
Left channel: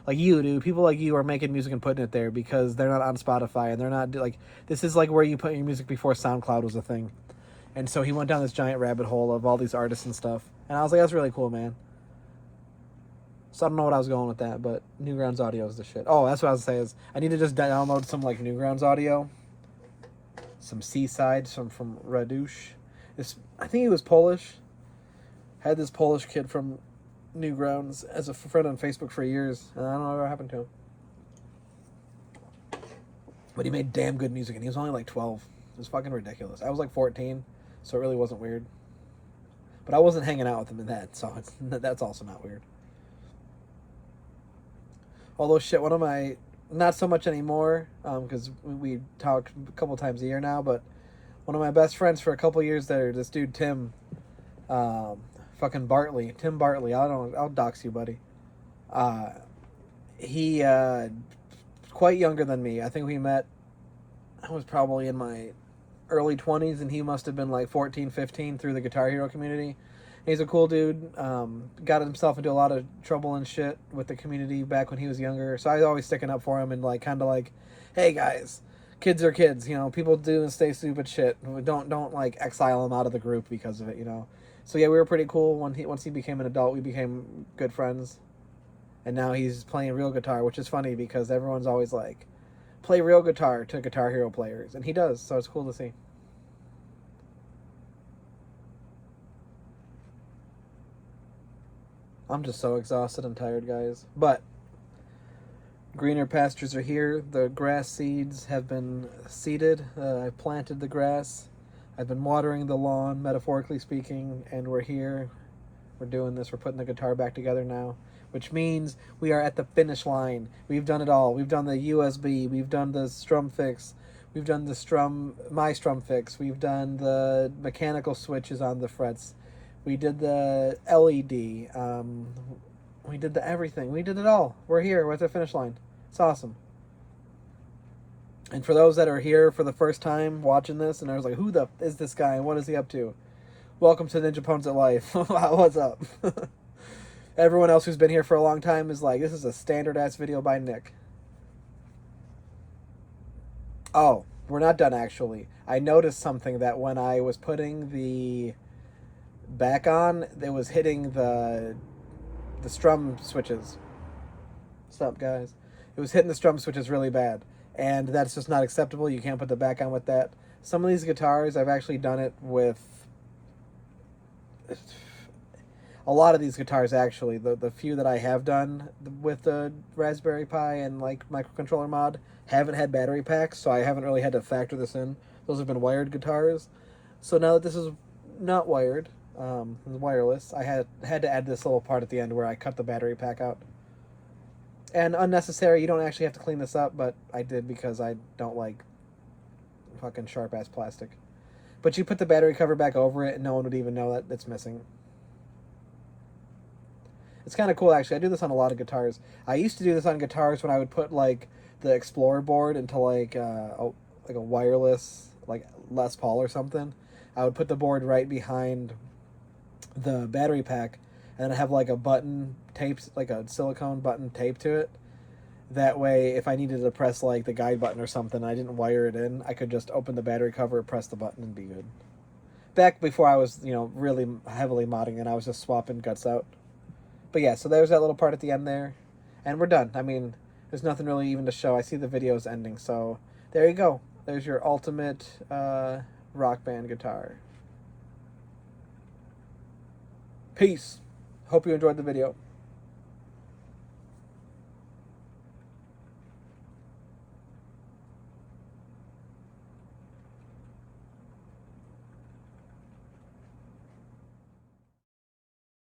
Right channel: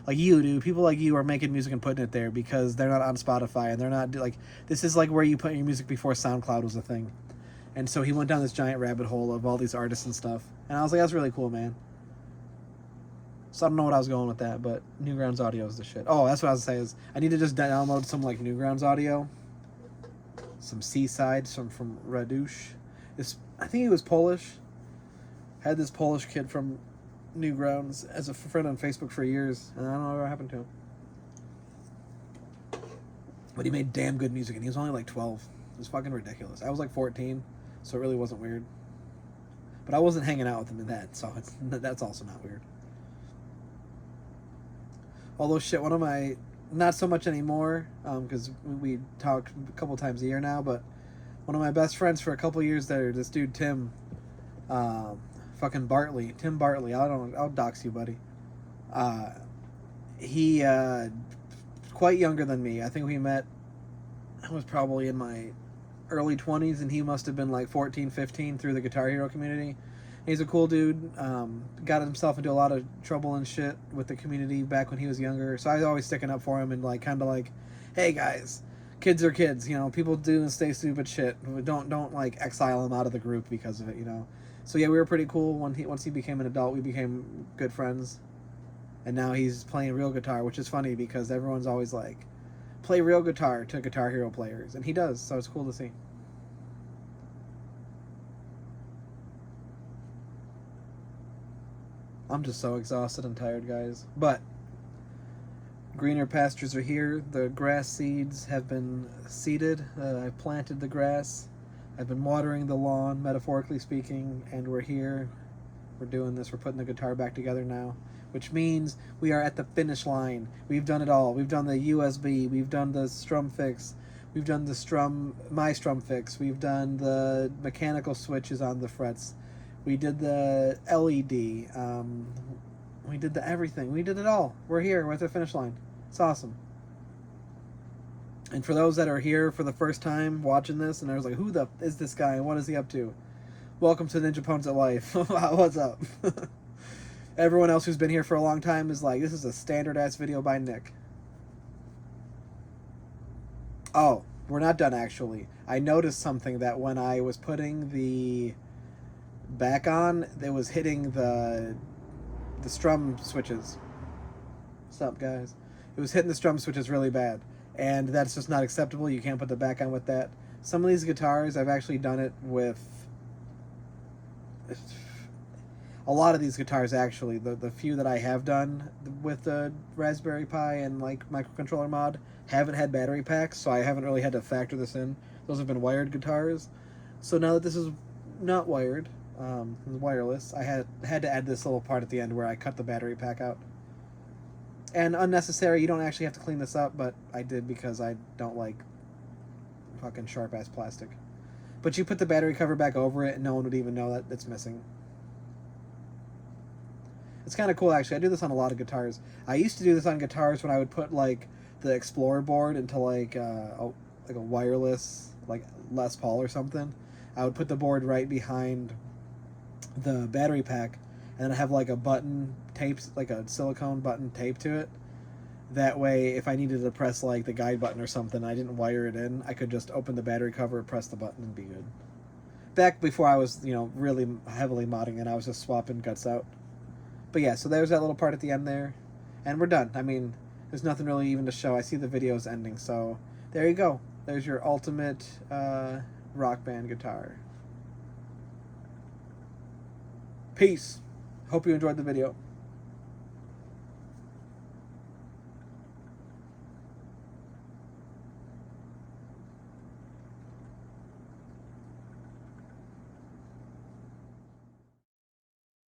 you do, people like you are making music and putting it there because they're not on Spotify and they're not like, this is like where you put your music before SoundCloud was a thing. And so he went down this giant rabbit hole of all these artists and stuff. And I was like, that's really cool, man. So I don't know what I was going with that, but Newgrounds Audio is the shit. Oh, that's what I was saying is I need to just download some like Newgrounds Audio. Some Seaside, some from Radush. I think he was Polish. Had this Polish kid from Newgrounds as a friend on Facebook for years. And I don't know what happened to him. But he made damn good music and he was only like 12. It was fucking ridiculous. I was like 14. So it really wasn't weird. But I wasn't hanging out with him in that, so that's also not weird. Although shit, one of my, not so much anymore, because we talk a couple times a year now, but one of my best friends for a couple years there, this dude Tim, fucking Bartley, Tim Bartley, I'll dox you, buddy. He, quite younger than me. I think we met, I was probably in my early 20s, and he must have been like 14, 15 through the Guitar Hero community. He's a cool dude. Got himself into a lot of trouble and shit with the community back when he was younger. So I was always sticking up for him and like kind of like, hey guys, kids are kids. You know, people do and stay stupid shit. Don't like exile him out of the group because of it. You know. So yeah, we were pretty cool. Once he became an adult, we became good friends. And now he's playing real guitar, which is funny because everyone's always like, play real guitar to Guitar Hero players, and he does, so it's cool to see. I'm just so exhausted and tired, guys. But greener pastures are here. The grass seeds have been seeded. I planted the grass. I've been watering the lawn, metaphorically speaking, and we're here. We're doing this. We're putting the guitar back together now, which means we are at the finish line. We've done it all. We've done the USB. We've done the StrumFix. We've done the my StrumFix. We've done the mechanical switches on the frets. We did the LED. We did the everything. We did it all. We're here. We're at the finish line. It's awesome. And for those that are here for the first time watching this, and I was like, who the is this guy and what is he up to? Welcome to Ninja Pones at Life. What's up? Everyone else who's been here for a long time is like, this is a standard-ass video by Nick. Oh, we're not done, actually. I noticed something that when I was putting the back on, it was hitting the strum switches. What's up, guys? It was hitting the strum switches really bad. And that's just not acceptable. You can't put the back on with that. Some of these guitars, I've actually done it with a lot of these guitars. Actually, the few that I have done with the Raspberry Pi and like microcontroller mod haven't had battery packs, so I haven't really had to factor this in. Those have been wired guitars. So now that this is not wired, wireless, I had to add this little part at the end where I cut the battery pack out. And unnecessary. You don't actually have to clean this up, but I did because I don't like fucking sharp ass plastic. But you put the battery cover back over it and no one would even know that it's missing. It's kind of cool actually. I do this on a lot of guitars. I used to do this on guitars when I would put like the Explorer board into like a wireless like Les Paul or something. I would put the board right behind the battery pack and then have like a button taped, like a silicone button taped to it. That way, if I needed to press like the guide button or something, I didn't wire it in. I could just open the battery cover, press the button, and be good. Back before I was, really heavily modding it, I was just swapping guts out. But yeah, so there's that little part at the end there, and we're done. I mean, there's nothing really even to show. I see the video's ending, so there you go. There's your ultimate rock band guitar. Peace. Hope you enjoyed the video.